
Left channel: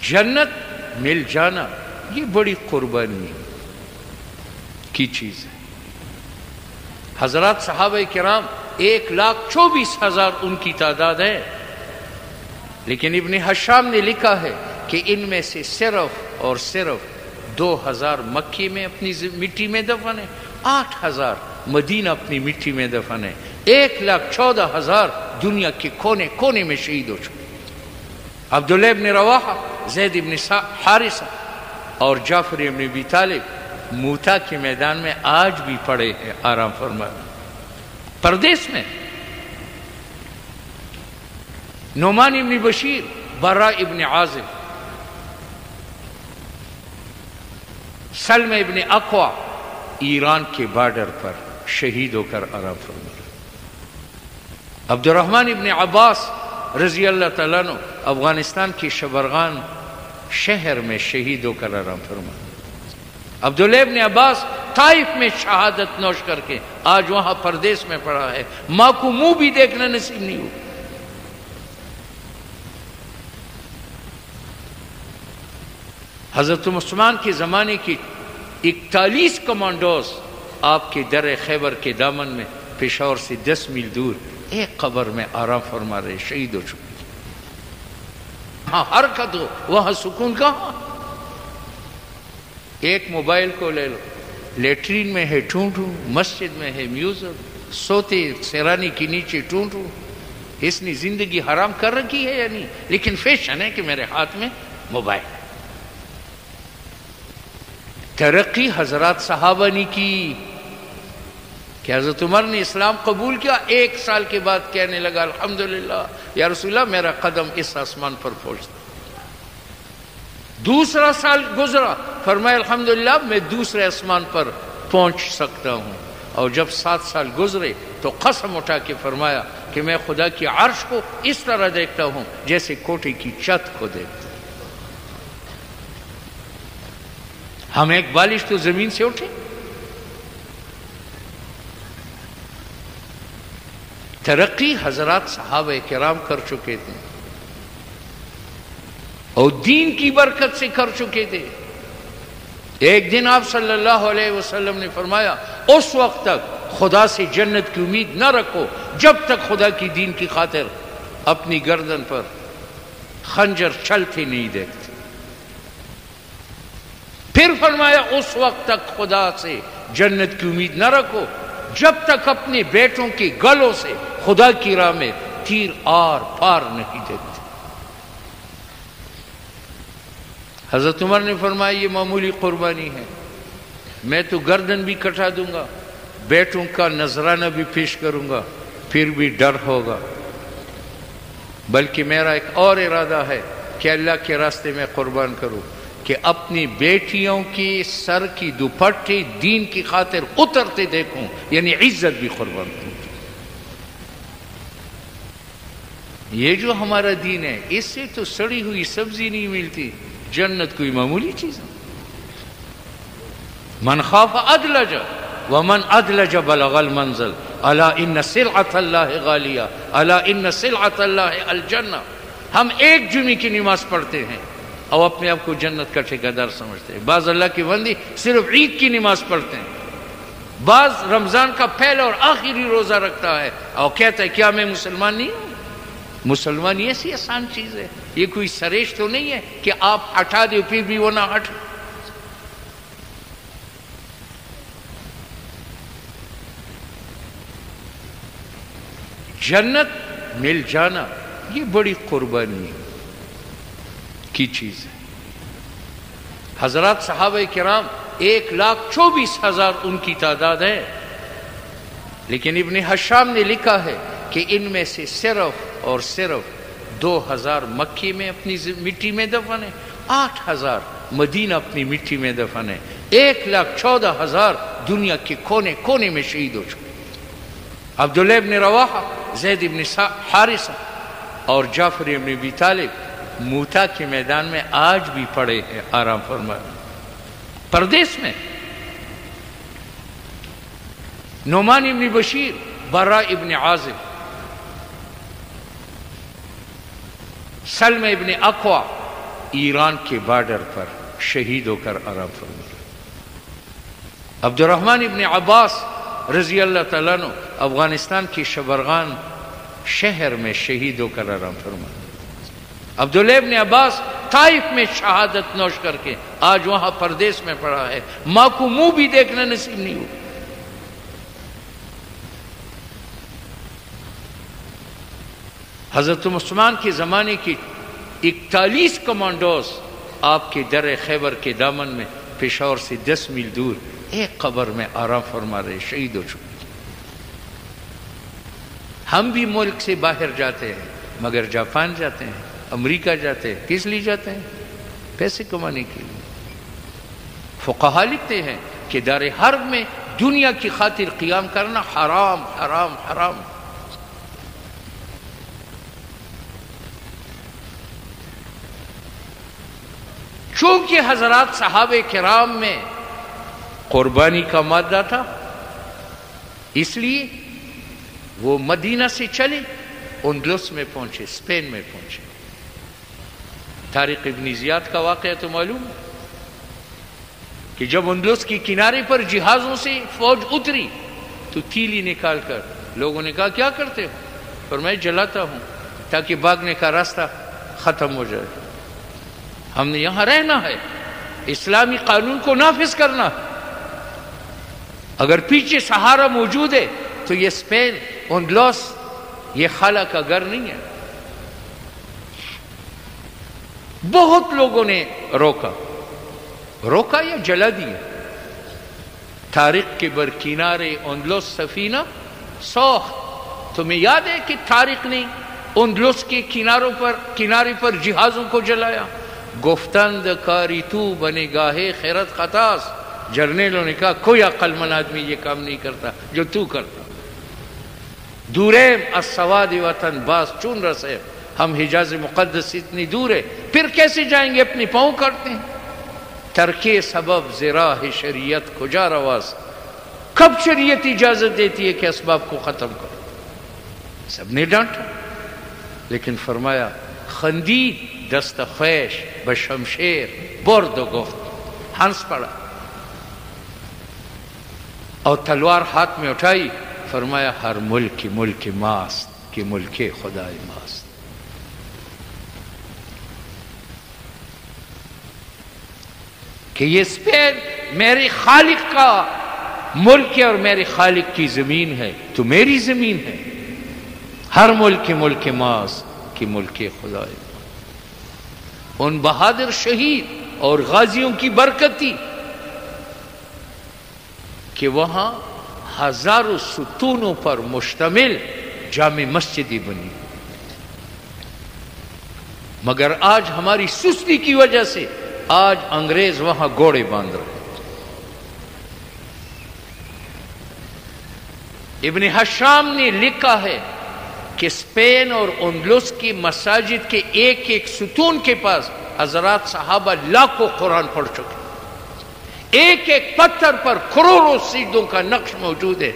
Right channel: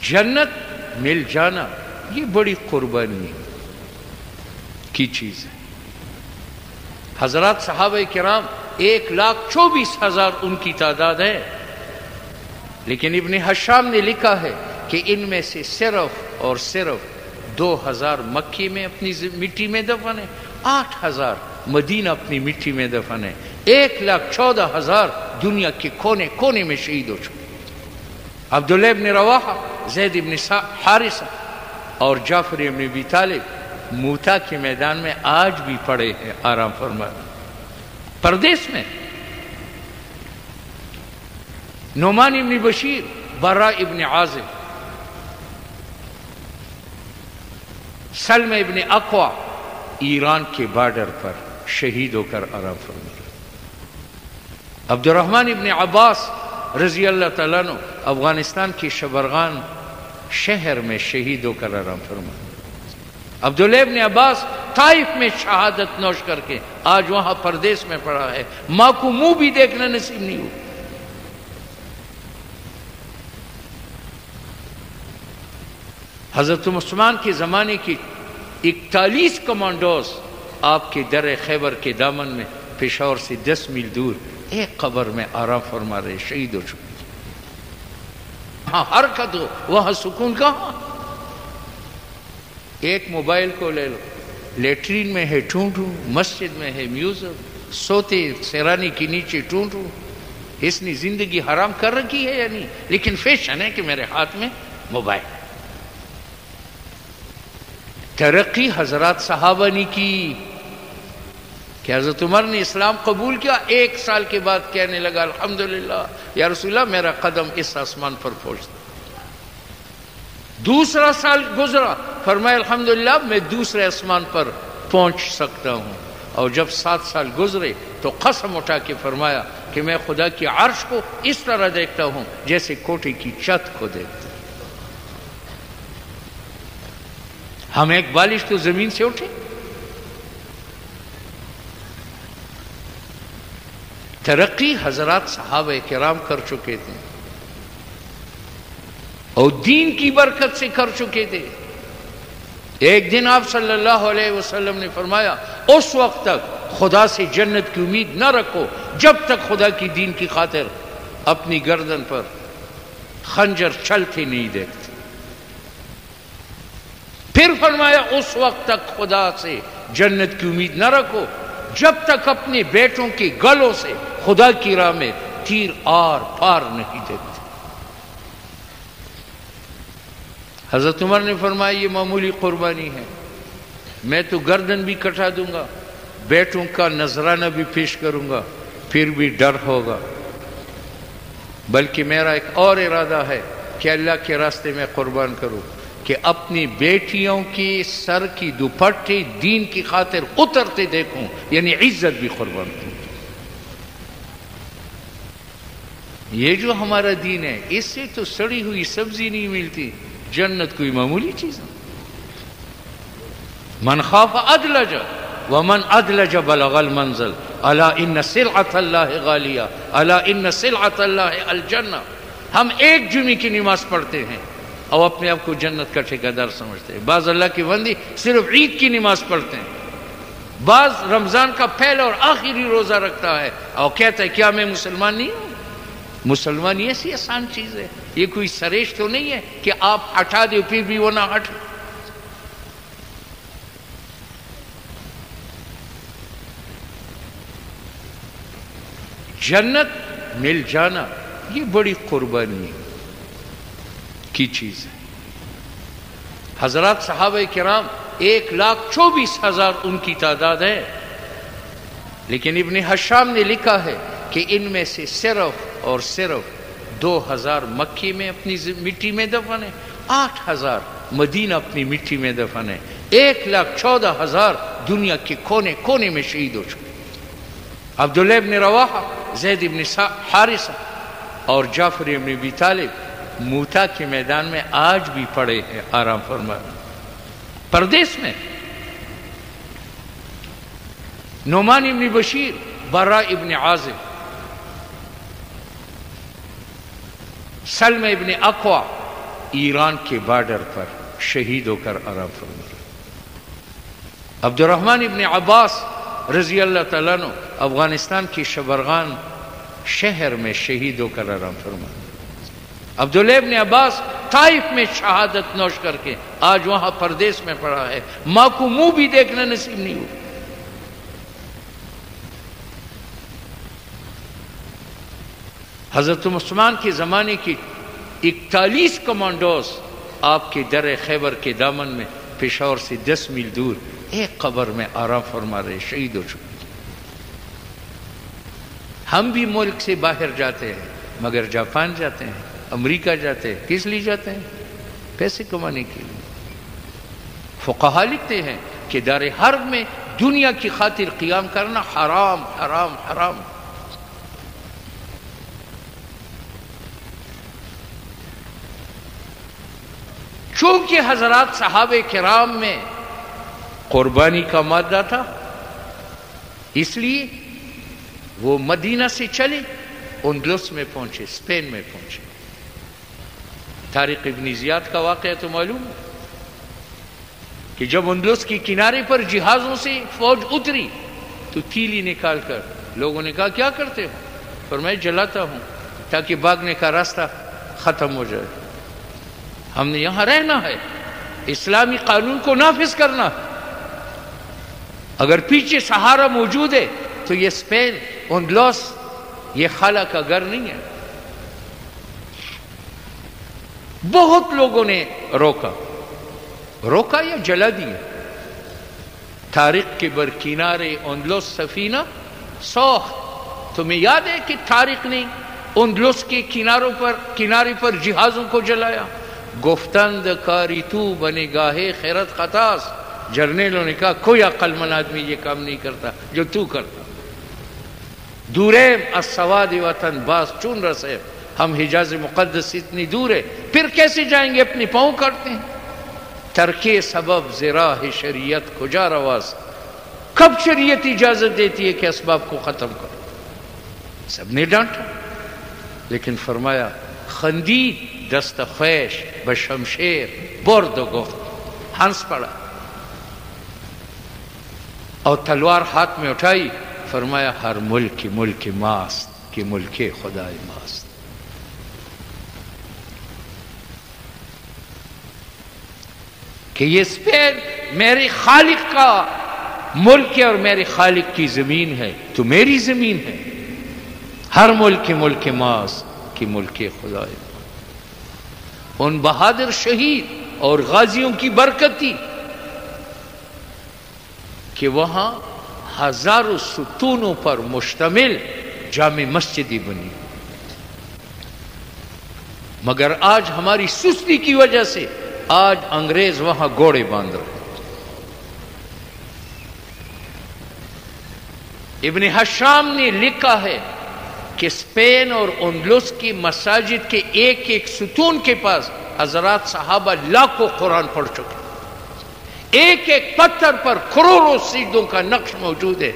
جنت مل جانا یہ بڑی قربانی کی چیز ہے. حضرات صحابہ کرام 1,24,000 ان کی تعداد ہے، لیکن ابن حشام نے لکھا ہے کہ ان میں سے صرف اور صرف 2,000 مکے میں اپنی مٹی میں دفن ہے، 8,000 مدینہ اپنی مٹی میں دفن ہے، 1,14,000 دنیا کے کونے کونے میں شہید ہو چکے. عبداللہ ابن رواحہ، زید ابن حارثہ اور جعفر ابن ابی طالب موتا کے میدان میں آج بھی پڑے ہیں آرام فرما. پردیس میں نعمان ابن بشیر، براء ابن عازب، سلم ابن اقوع ایران کے بارڈر پر شہید ہو کر آرام فرما. عبد الرحمن ابن عباس رضی اللہ تعالیٰ عنہ افغانستان کی شبرغان شہر میں شہید ہو کر آرام فرما. عبداللہ ابن عباس طائف میں شہادت نوش کر کے آج وہاں پردیس میں پڑا ہے، ماں کو منہ بھی دیکھنا نصیب نہیں ہوا. حضرت عثمان کے زمانے کی 41 کمانڈوز آپ کے در خیبر کے دامن میں پشاور سے 10 میل دور ایک قبر میں آرام فرما رہے، شہید ہو چکے۔ ہاں حرکت ہو، وہاں سکون کہاں؟ ایک موبائل کو لے لو، لیٹرین میں ہے ٹونٹو، مسجد میں ہے میوزک، سوتے سیرانی کے نیچے ٹونٹو۔ اس نے زندگی حرام کر رکھی ہے یا نہیں؟ لیکن فیشن ہے کہ میرے ہاتھ میں موبائل۔ ترقی حضرات صحابہ نے کی کہ حضرت عمر نے اسلام قبول کیا، 1 سال کے بعد کہنے لگا الحمدللہ یا رسول اللہ میرا قدم اس آسمان پر پہنچتا۔ دوسرا سال گزرا، فرمایا الحمدللہ میں دوسرے آسمان پر پہنچ سکتا ہوں۔ اور جب 7 سال گزرے تو قسم اٹھا کے فرمایا کہ میں خدا کی عرش کو اس طرح دیکھتا ہوں جیسے کوٹھی کی چھت کو دیکھتا ہوں۔ ہم ایک بالش تو زمین سے اٹھے۔ ترقی حضرات صحابہ کرام کر چکے تھے اور دین کی برکت سے کر چکے تھے۔ ایک دن آپ صلی اللہ علیہ وسلم نے فرمایا اس وقت تک خدا سے جنت کی امید نہ رکھو جب تک خدا کی دین کی خاطر اپنی گردن پر خنجر چلتے نہیں دیکھتے۔ پھر فرمایا اس وقت تک خدا سے جنت کی امید نہ رکھو جب تک اپنے بیٹوں کے گلوں سے خدا کی راہ میں تیر آر پار نہیں دیتے۔ حضرت عمر نے فرمایا یہ معمولی قربانی ہے، میں تو گردن بھی کٹا دوں گا، بیٹوں کا نذرانہ بھی پیش کروں گا، پھر بھی ڈر ہوگا، بلکہ میرا ایک اور ارادہ ہے کہ اللہ کے راستے میں قربان کروں کہ اپنی بیٹیوں کے سر کی دوپٹے دین کی خاطر اترتے دیکھوں، یعنی عزت بھی قربان کروں۔ یہ جو ہمارا دین ہے اس سے تو سڑی ہوئی سبزی نہیں ملتی، جنت کوئی معمولی چیز نہیں۔ من خاف ادلج ومن ادلج بلغ المنزل الا ان سلعۃ اللہ غالیہ الا ان سلعۃ اللہ الجنہ۔ ہم ایک جمعے کی نماز پڑھتے ہیں اور اپنے آپ کو جنت کا ٹھیکیدار سمجھتے ہیں۔ بعض اللہ کی بندی صرف عید کی نماز پڑھتے ہیں، بعض رمضان کا پہلا اور آخری روزہ رکھتا ہے اور کہتا ہے کیا میں مسلمان نہیں ہوں؟ مسلمان یہ ایسی آسان چیز ہے، یہ کوئی سریش تو نہیں ہے کہ آپ ہٹا دو پھر بھی وہ نہ ہٹے۔ جنت مل جانا یہ بڑی قربانی کی چیز ہے۔ حضرات صحابہ کرام 1,24,000 ان کی تعداد ہے، لیکن ابن حشام نے لکھا ہے کہ ان میں سے صرف اور صرف 2,000 مکی میں اپنی مٹی میں دفن ہے، 8,000 مدینہ اپنی مٹی میں دفن ہے، 1,14,000 دنیا کے کونے کونے میں شہید ہو چکے۔ عبداللہ ابن رواحہ، زید ابن حارثہ اور جعفر ابن ابی طالب موتا کے میدان میں آج بھی پڑے ہیں آرام فرما۔ پردیس میں نعمان ابن بشیر، براء ابن عازب، سلم ابن اقوا ایران کے بارڈر پر شہید ہو کر آرام فرما۔ عبد الرحمن ابن عباس رضی اللہ تعالیٰ عنہ افغانستان کی شبرغان شہر میں شہید ہو کر آرام فرما۔ عبداللہ ابن عباس طائف میں شہادت نوش کر کے آج وہاں پردیس میں پڑا ہے، ماں کو منہ بھی دیکھنا نصیب نہیں ہوا۔ حضرت عثمان کے زمانے کی 41 کمانڈوز آپ کے در خیبر کے دامن میں پشاور سے 10 میل دور ایک قبر میں آرام فرما رہے، شہید ہو چکے۔ ہم بھی ملک سے باہر جاتے ہیں، مگر جاپان جاتے ہیں، امریکہ جاتے ہیں، کس لیے جاتے ہیں؟ پیسے کمانے کے لیے۔ فقہا لکھتے ہیں کہ دار حرب میں دنیا کی خاطر قیام کرنا حرام حرام حرام۔ چونکہ حضرات صحابہ کرام میں قربانی کا مادہ تھا، اس لیے وہ مدینہ سے چلے، اندلس میں پہنچے، اسپین میں پہنچے۔ طارق ابن زیاد کا واقعہ تو معلوم ہے، کہ جب اندلس کی کنارے پر جہازوں سے فوج اتری تو تیلی نکال کر لوگوں نے کہا کیا کرتے ہو؟ اور میں جلاتا ہوں تاکہ بھاگنے کا راستہ ختم ہو جائے. ہم نے یہاں رہنا ہے، اسلامی قانون کو نافذ کرنا. اگر پیچھے سہارا موجود ہے تو یہ اسپین اندلس یہ خالہ کا گھر نہیں ہے. بہت لوگوں نے روکا یا جلا دیا. طارق کے برکنارے اندلس سفینہ سوخ. تمہیں یاد ہے کہ طارق نے اندلس کے کنارے پر جہازوں کو جلایا. گفتند کاری تو بنے گاہے خیرت خطاس. جرنیلوں نے کہا کوئی عقل مند آدمی یہ کام نہیں کرتا جو تو کرتا. دوریم السواد وطن باس چون رسے. ہم حجاز مقدس سے اتنی دور ہے، پھر کیسے جائیں گے؟ اپنی پاؤں کرتے ہیں. ترکے سبب زراح شریعت کجا رواز. کب شریعت اجازت دیتی ہے کہ اسباب کو ختم کرو؟ سب نے ڈانٹا، لیکن فرمایا خندید دست خویش بشمشیر برد و گفت. ہنس پڑا اور تلوار ہاتھ میں اٹھائی. فرمایا ہر ملک ماست کہ ملک خدای ماست. کہ یہ اسپین میرے خالق کا ملک ہے اور میرے خالق کی زمین ہے، تو میری زمین ہے. ہر ملک ماست کہ ملک خدای. ان بہادر شہید اور غازیوں کی برکت تھی کہ وہاں ہزاروں ستونوں پر مشتمل جامع مسجدیں بنی. مگر آج ہماری سستی کی وجہ سے آج انگریز وہاں گھوڑے باندھ رہے. ابن حشام نے لکھا ہے کہ اسپین اور اندلس کی مساجد کے ایک ایک ستون کے پاس حضرات صحابہ لاکھوں قرآن پڑھ چکے. ایک ایک پتھر پر کروڑوں سیدوں کا نقش موجود ہے.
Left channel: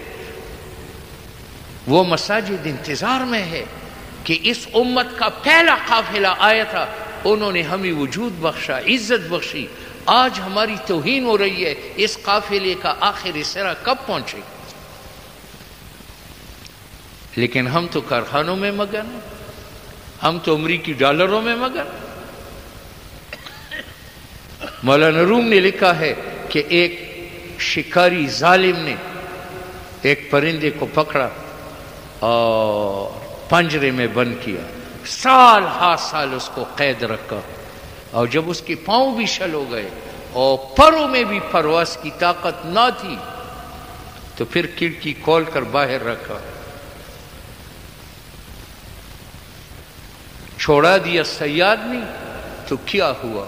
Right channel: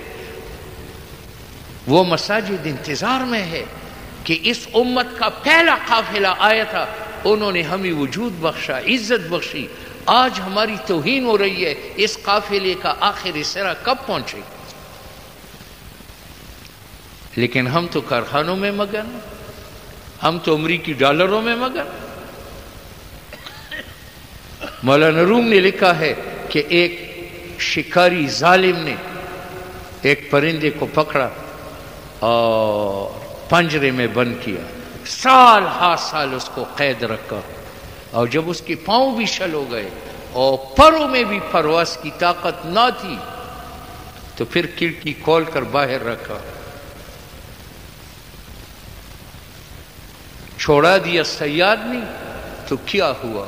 وہ مساجد انتظار میں ہے کہ اس امت کا پہلا قافلہ آیا تھا، انہوں نے ہمیں وجود بخشا، عزت بخشی. آج ہماری توہین ہو رہی ہے. اس قافلے کا آخری سرا کب پہنچے؟ لیکن ہم تو کارخانوں میں مگن، ہم تو امریکی ڈالروں میں مگن. مولانا روم نے لکھا ہے کہ ایک شکاری ظالم نے ایک پرندے کو پکڑا اور پنجرے میں بند کیا. سال ہا سال اس کو قید رکھا، اور جب اس کے پاؤں بھی شل ہو گئے اور پروں میں بھی پرواز کی طاقت نہ تھی تو پھر کھڑکی کھول کر باہر رکھا. چھوڑا دیا صیاد نے تو کیا ہوا؟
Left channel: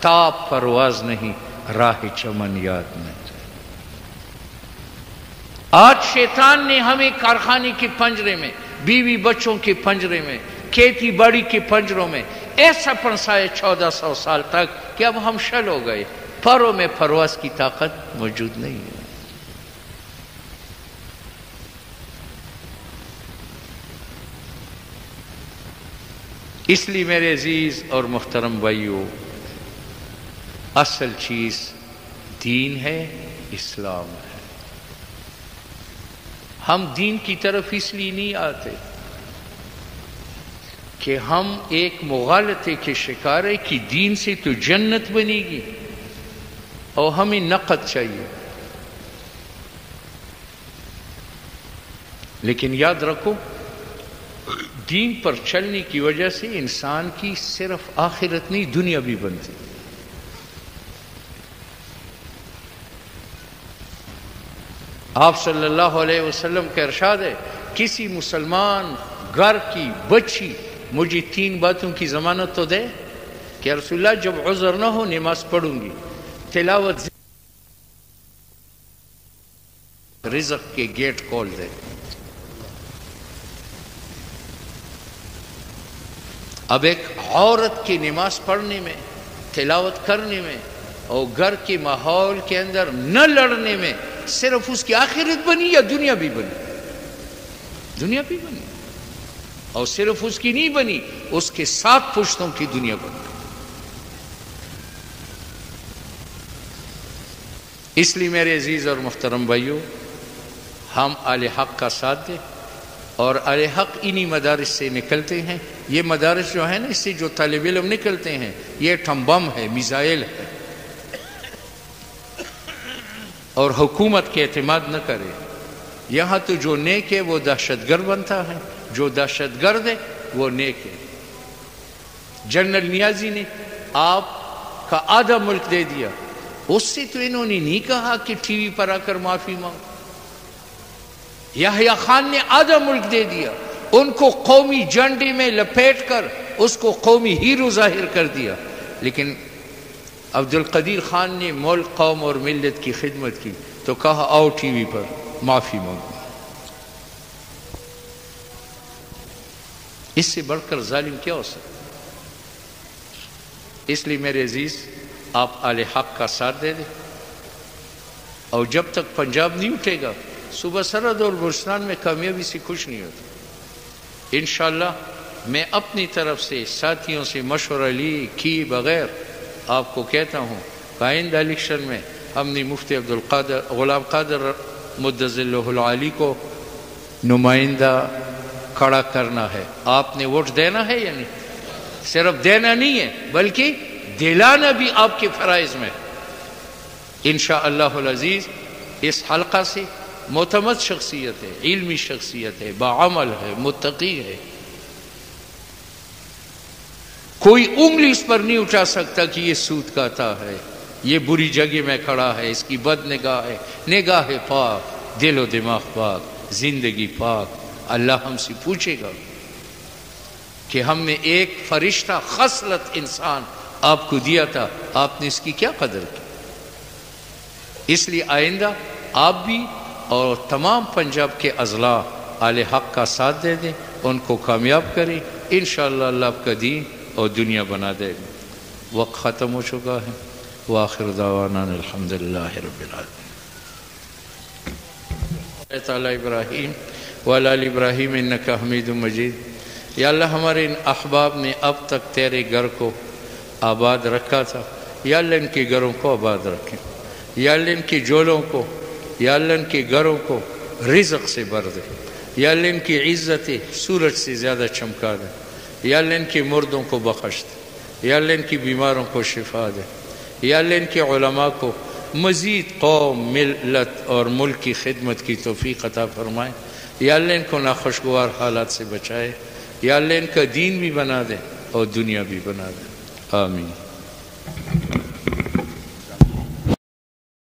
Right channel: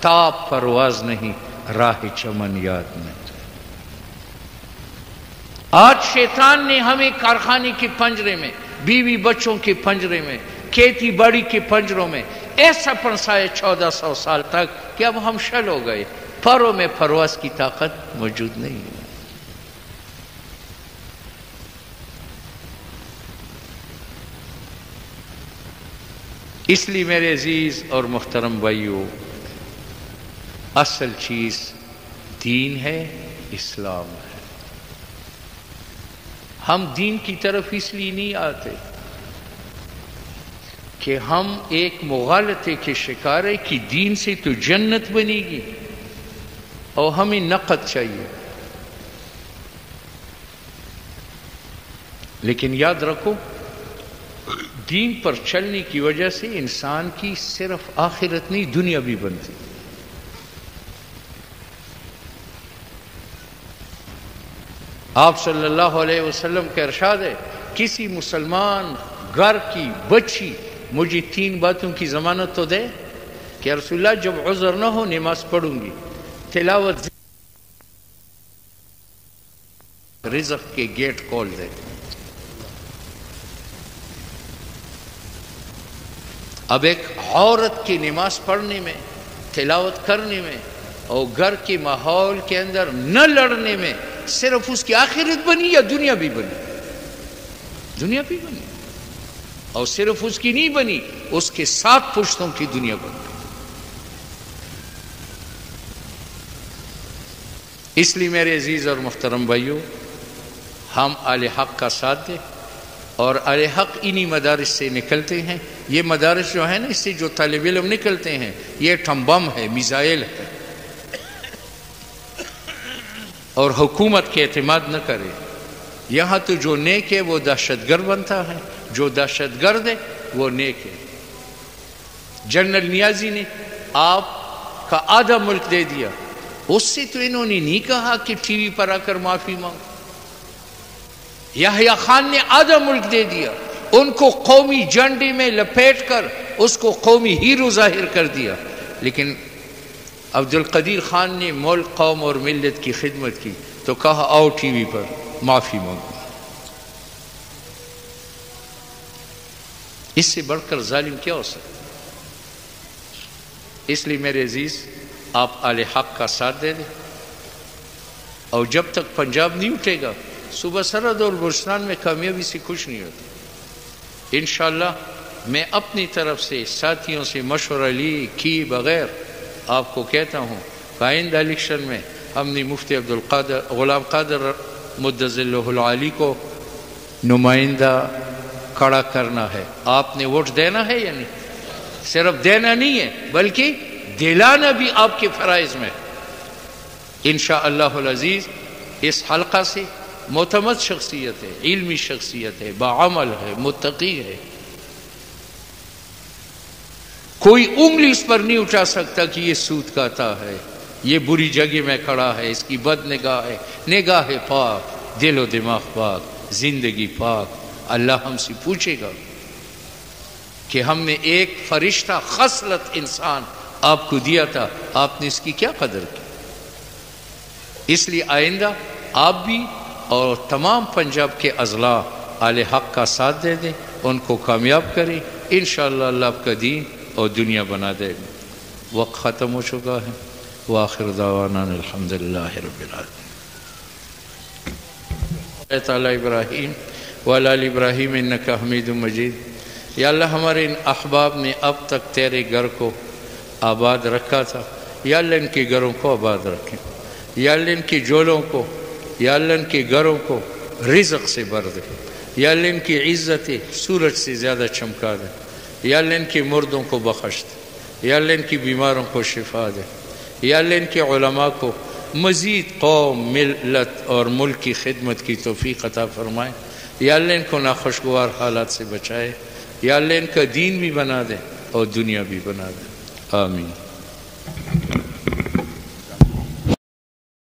تاب پرواز نہیں، راہ چمن یاد نہیں. آج شیطان نے ہمیں کارخانے کے پنجرے میں، بیوی بچوں کے پنجرے میں، کھیتی باڑی کے پنجروں میں ایسا پھنسائے 1400 سال تک کہ اب ہم شل ہو گئے. پروں میں پرواز کی طاقت موجود نہیں ہے. اس لیے میرے عزیز اور محترم بھائیو، اصل چیز دین ہے، اسلام ہے. ہم دین کی طرف اس لیے نہیں آتے کہ ہم ایک مغالطے کے شکار ہیں کہ دین سے تو جنت بنے گی اور ہمیں نقد چاہیے. لیکن یاد رکھو، دین پر چلنے کی وجہ سے انسان کی صرف آخرت نہیں دنیا بھی بنتی. آپ صلی اللہ علیہ وسلم کا ارشاد ہے، کسی مسلمان گھر کی بچی مجھے 3 باتوں کی ضمانت تو دے کہ رسول اللہ جب عذر نہ ہو نماز پڑھوں گی، تلاوت، رزق کے گیٹ کھول دے. اب ایک عورت کی نماز پڑھنے میں، تلاوت کرنے میں اور گھر کے ماحول کے اندر نہ لڑنے میں صرف اس کی آخرت بنی یا دنیا بھی بنی؟ دنیا بھی بنی. اور صرف اس کی نہیں بنی، اس کے 7 پشتوں کی دنیا بن گئی. اس لیے میرے عزیز اور محترم بھائیوں، ہم اہل حق کا ساتھ دیں، اور اہل حق انہی مدارس سے نکلتے ہیں۔ یہ مدارس جو ہے نا، اس سے جو طالب علم نکلتے ہیں، یہ ٹھمبم ہے، میزائل ہے، اور حکومت کے اعتماد نہ کرے۔ یہاں تو جو نیک ہے وہ دہشت گرد بنتا ہے، جو دہشت گرد ہے وہ نیک ہے۔ جنرل نیازی نے آپ کا آدھا ملک دے دیا، اس سے تو انہوں نے نہیں کہا کہ ٹی وی پر آ کر معافی مانگو۔ یحییٰ خان نے آدھا ملک دے دیا، ان کو قومی جھنڈے میں لپیٹ کر اس کو قومی ہیرو ظاہر کر دیا، لیکن عبد القدیر خان نے ملک، قوم اور ملت کی خدمت کی تو کہا آؤ ٹی وی پر معافی مانگو۔ اس سے بڑھ کر ظالم کیا ہو سکتا؟ اس لیے میرے عزیز، آپ اہل حق کا ساتھ دے دیں، اور جب تک پنجاب نہیں اٹھے گا، صوبہ سرحد اور بلوچستان میں کامیابی سے خوش نہیں ہوتا۔ انشاءاللہ میں اپنی طرف سے ساتھیوں سے مشورہ کیے بغیر آپ کو کہتا ہوں کہ آئندہ الیکشن میں ہم نے مفتی غلام قادر مدظلہ العالی کو نمائندہ کھڑا کرنا ہے۔ آپ نے ووٹ دینا ہے یا نہیں؟ صرف دینا نہیں ہے بلکہ دلانا بھی آپ کے فرائض میں۔ انشاءاللہ العزیز اس حلقہ سے معتمد شخصیت ہے، علمی شخصیت ہے، باعمل ہے، متقی ہے، کوئی انگلی اس پر نہیں اٹھا سکتا کہ یہ سود کھاتا ہے، یہ بری جگہ میں کھڑا ہے، اس کی بد نگاہ ہے۔ نگاہ پاک، دل و دماغ پاک، زندگی پاک۔ اللہ ہم سے پوچھے گا کہ ہم نے ایک فرشتہ خصلت انسان آپ کو دیا تھا، آپ نے اس کی کیا قدر کی؟ اس لیے آئندہ آپ بھی اور تمام پنجاب کے اضلاع اہل حق کا ساتھ دے دیں، ان کو کامیاب کریں۔ انشاءاللہ اللہ آپ کا دین اور دنیا بنا دے گا۔ وقت ختم ہو چکا ہے۔ وآخر دعوانا الحمدللہ رب العالمین۔ تعالی ابراہیم وعلی آل ابراہیم انک حمید مجید۔ یا اللہ ہمارے ان احباب نے اب تک تیرے گھر کو آباد رکھا تھا، یا اللہ ان کے گھروں کو آباد رکھیں، یا اللہ ان کی جولوں کو، یا اللہ ان کے گھروں کو رزق سے بھر دے، یا اللہ ان کی عزتیں سورج سے زیادہ چمکا دے، یا اللہ ان کے مردوں کو بخش دے، یا اللہ ان کی بیماروں کو شفا دے، یا اللہ ان کے علماء کو مزید قوم، ملت اور ملک کی خدمت کی توفیق عطا فرمائے، یا اللہ ان کو ناخوشگوار حالات سے بچائے، یا اللہ ان کا دین بھی بنا دے اور دنیا بھی بنا دے۔ آمین۔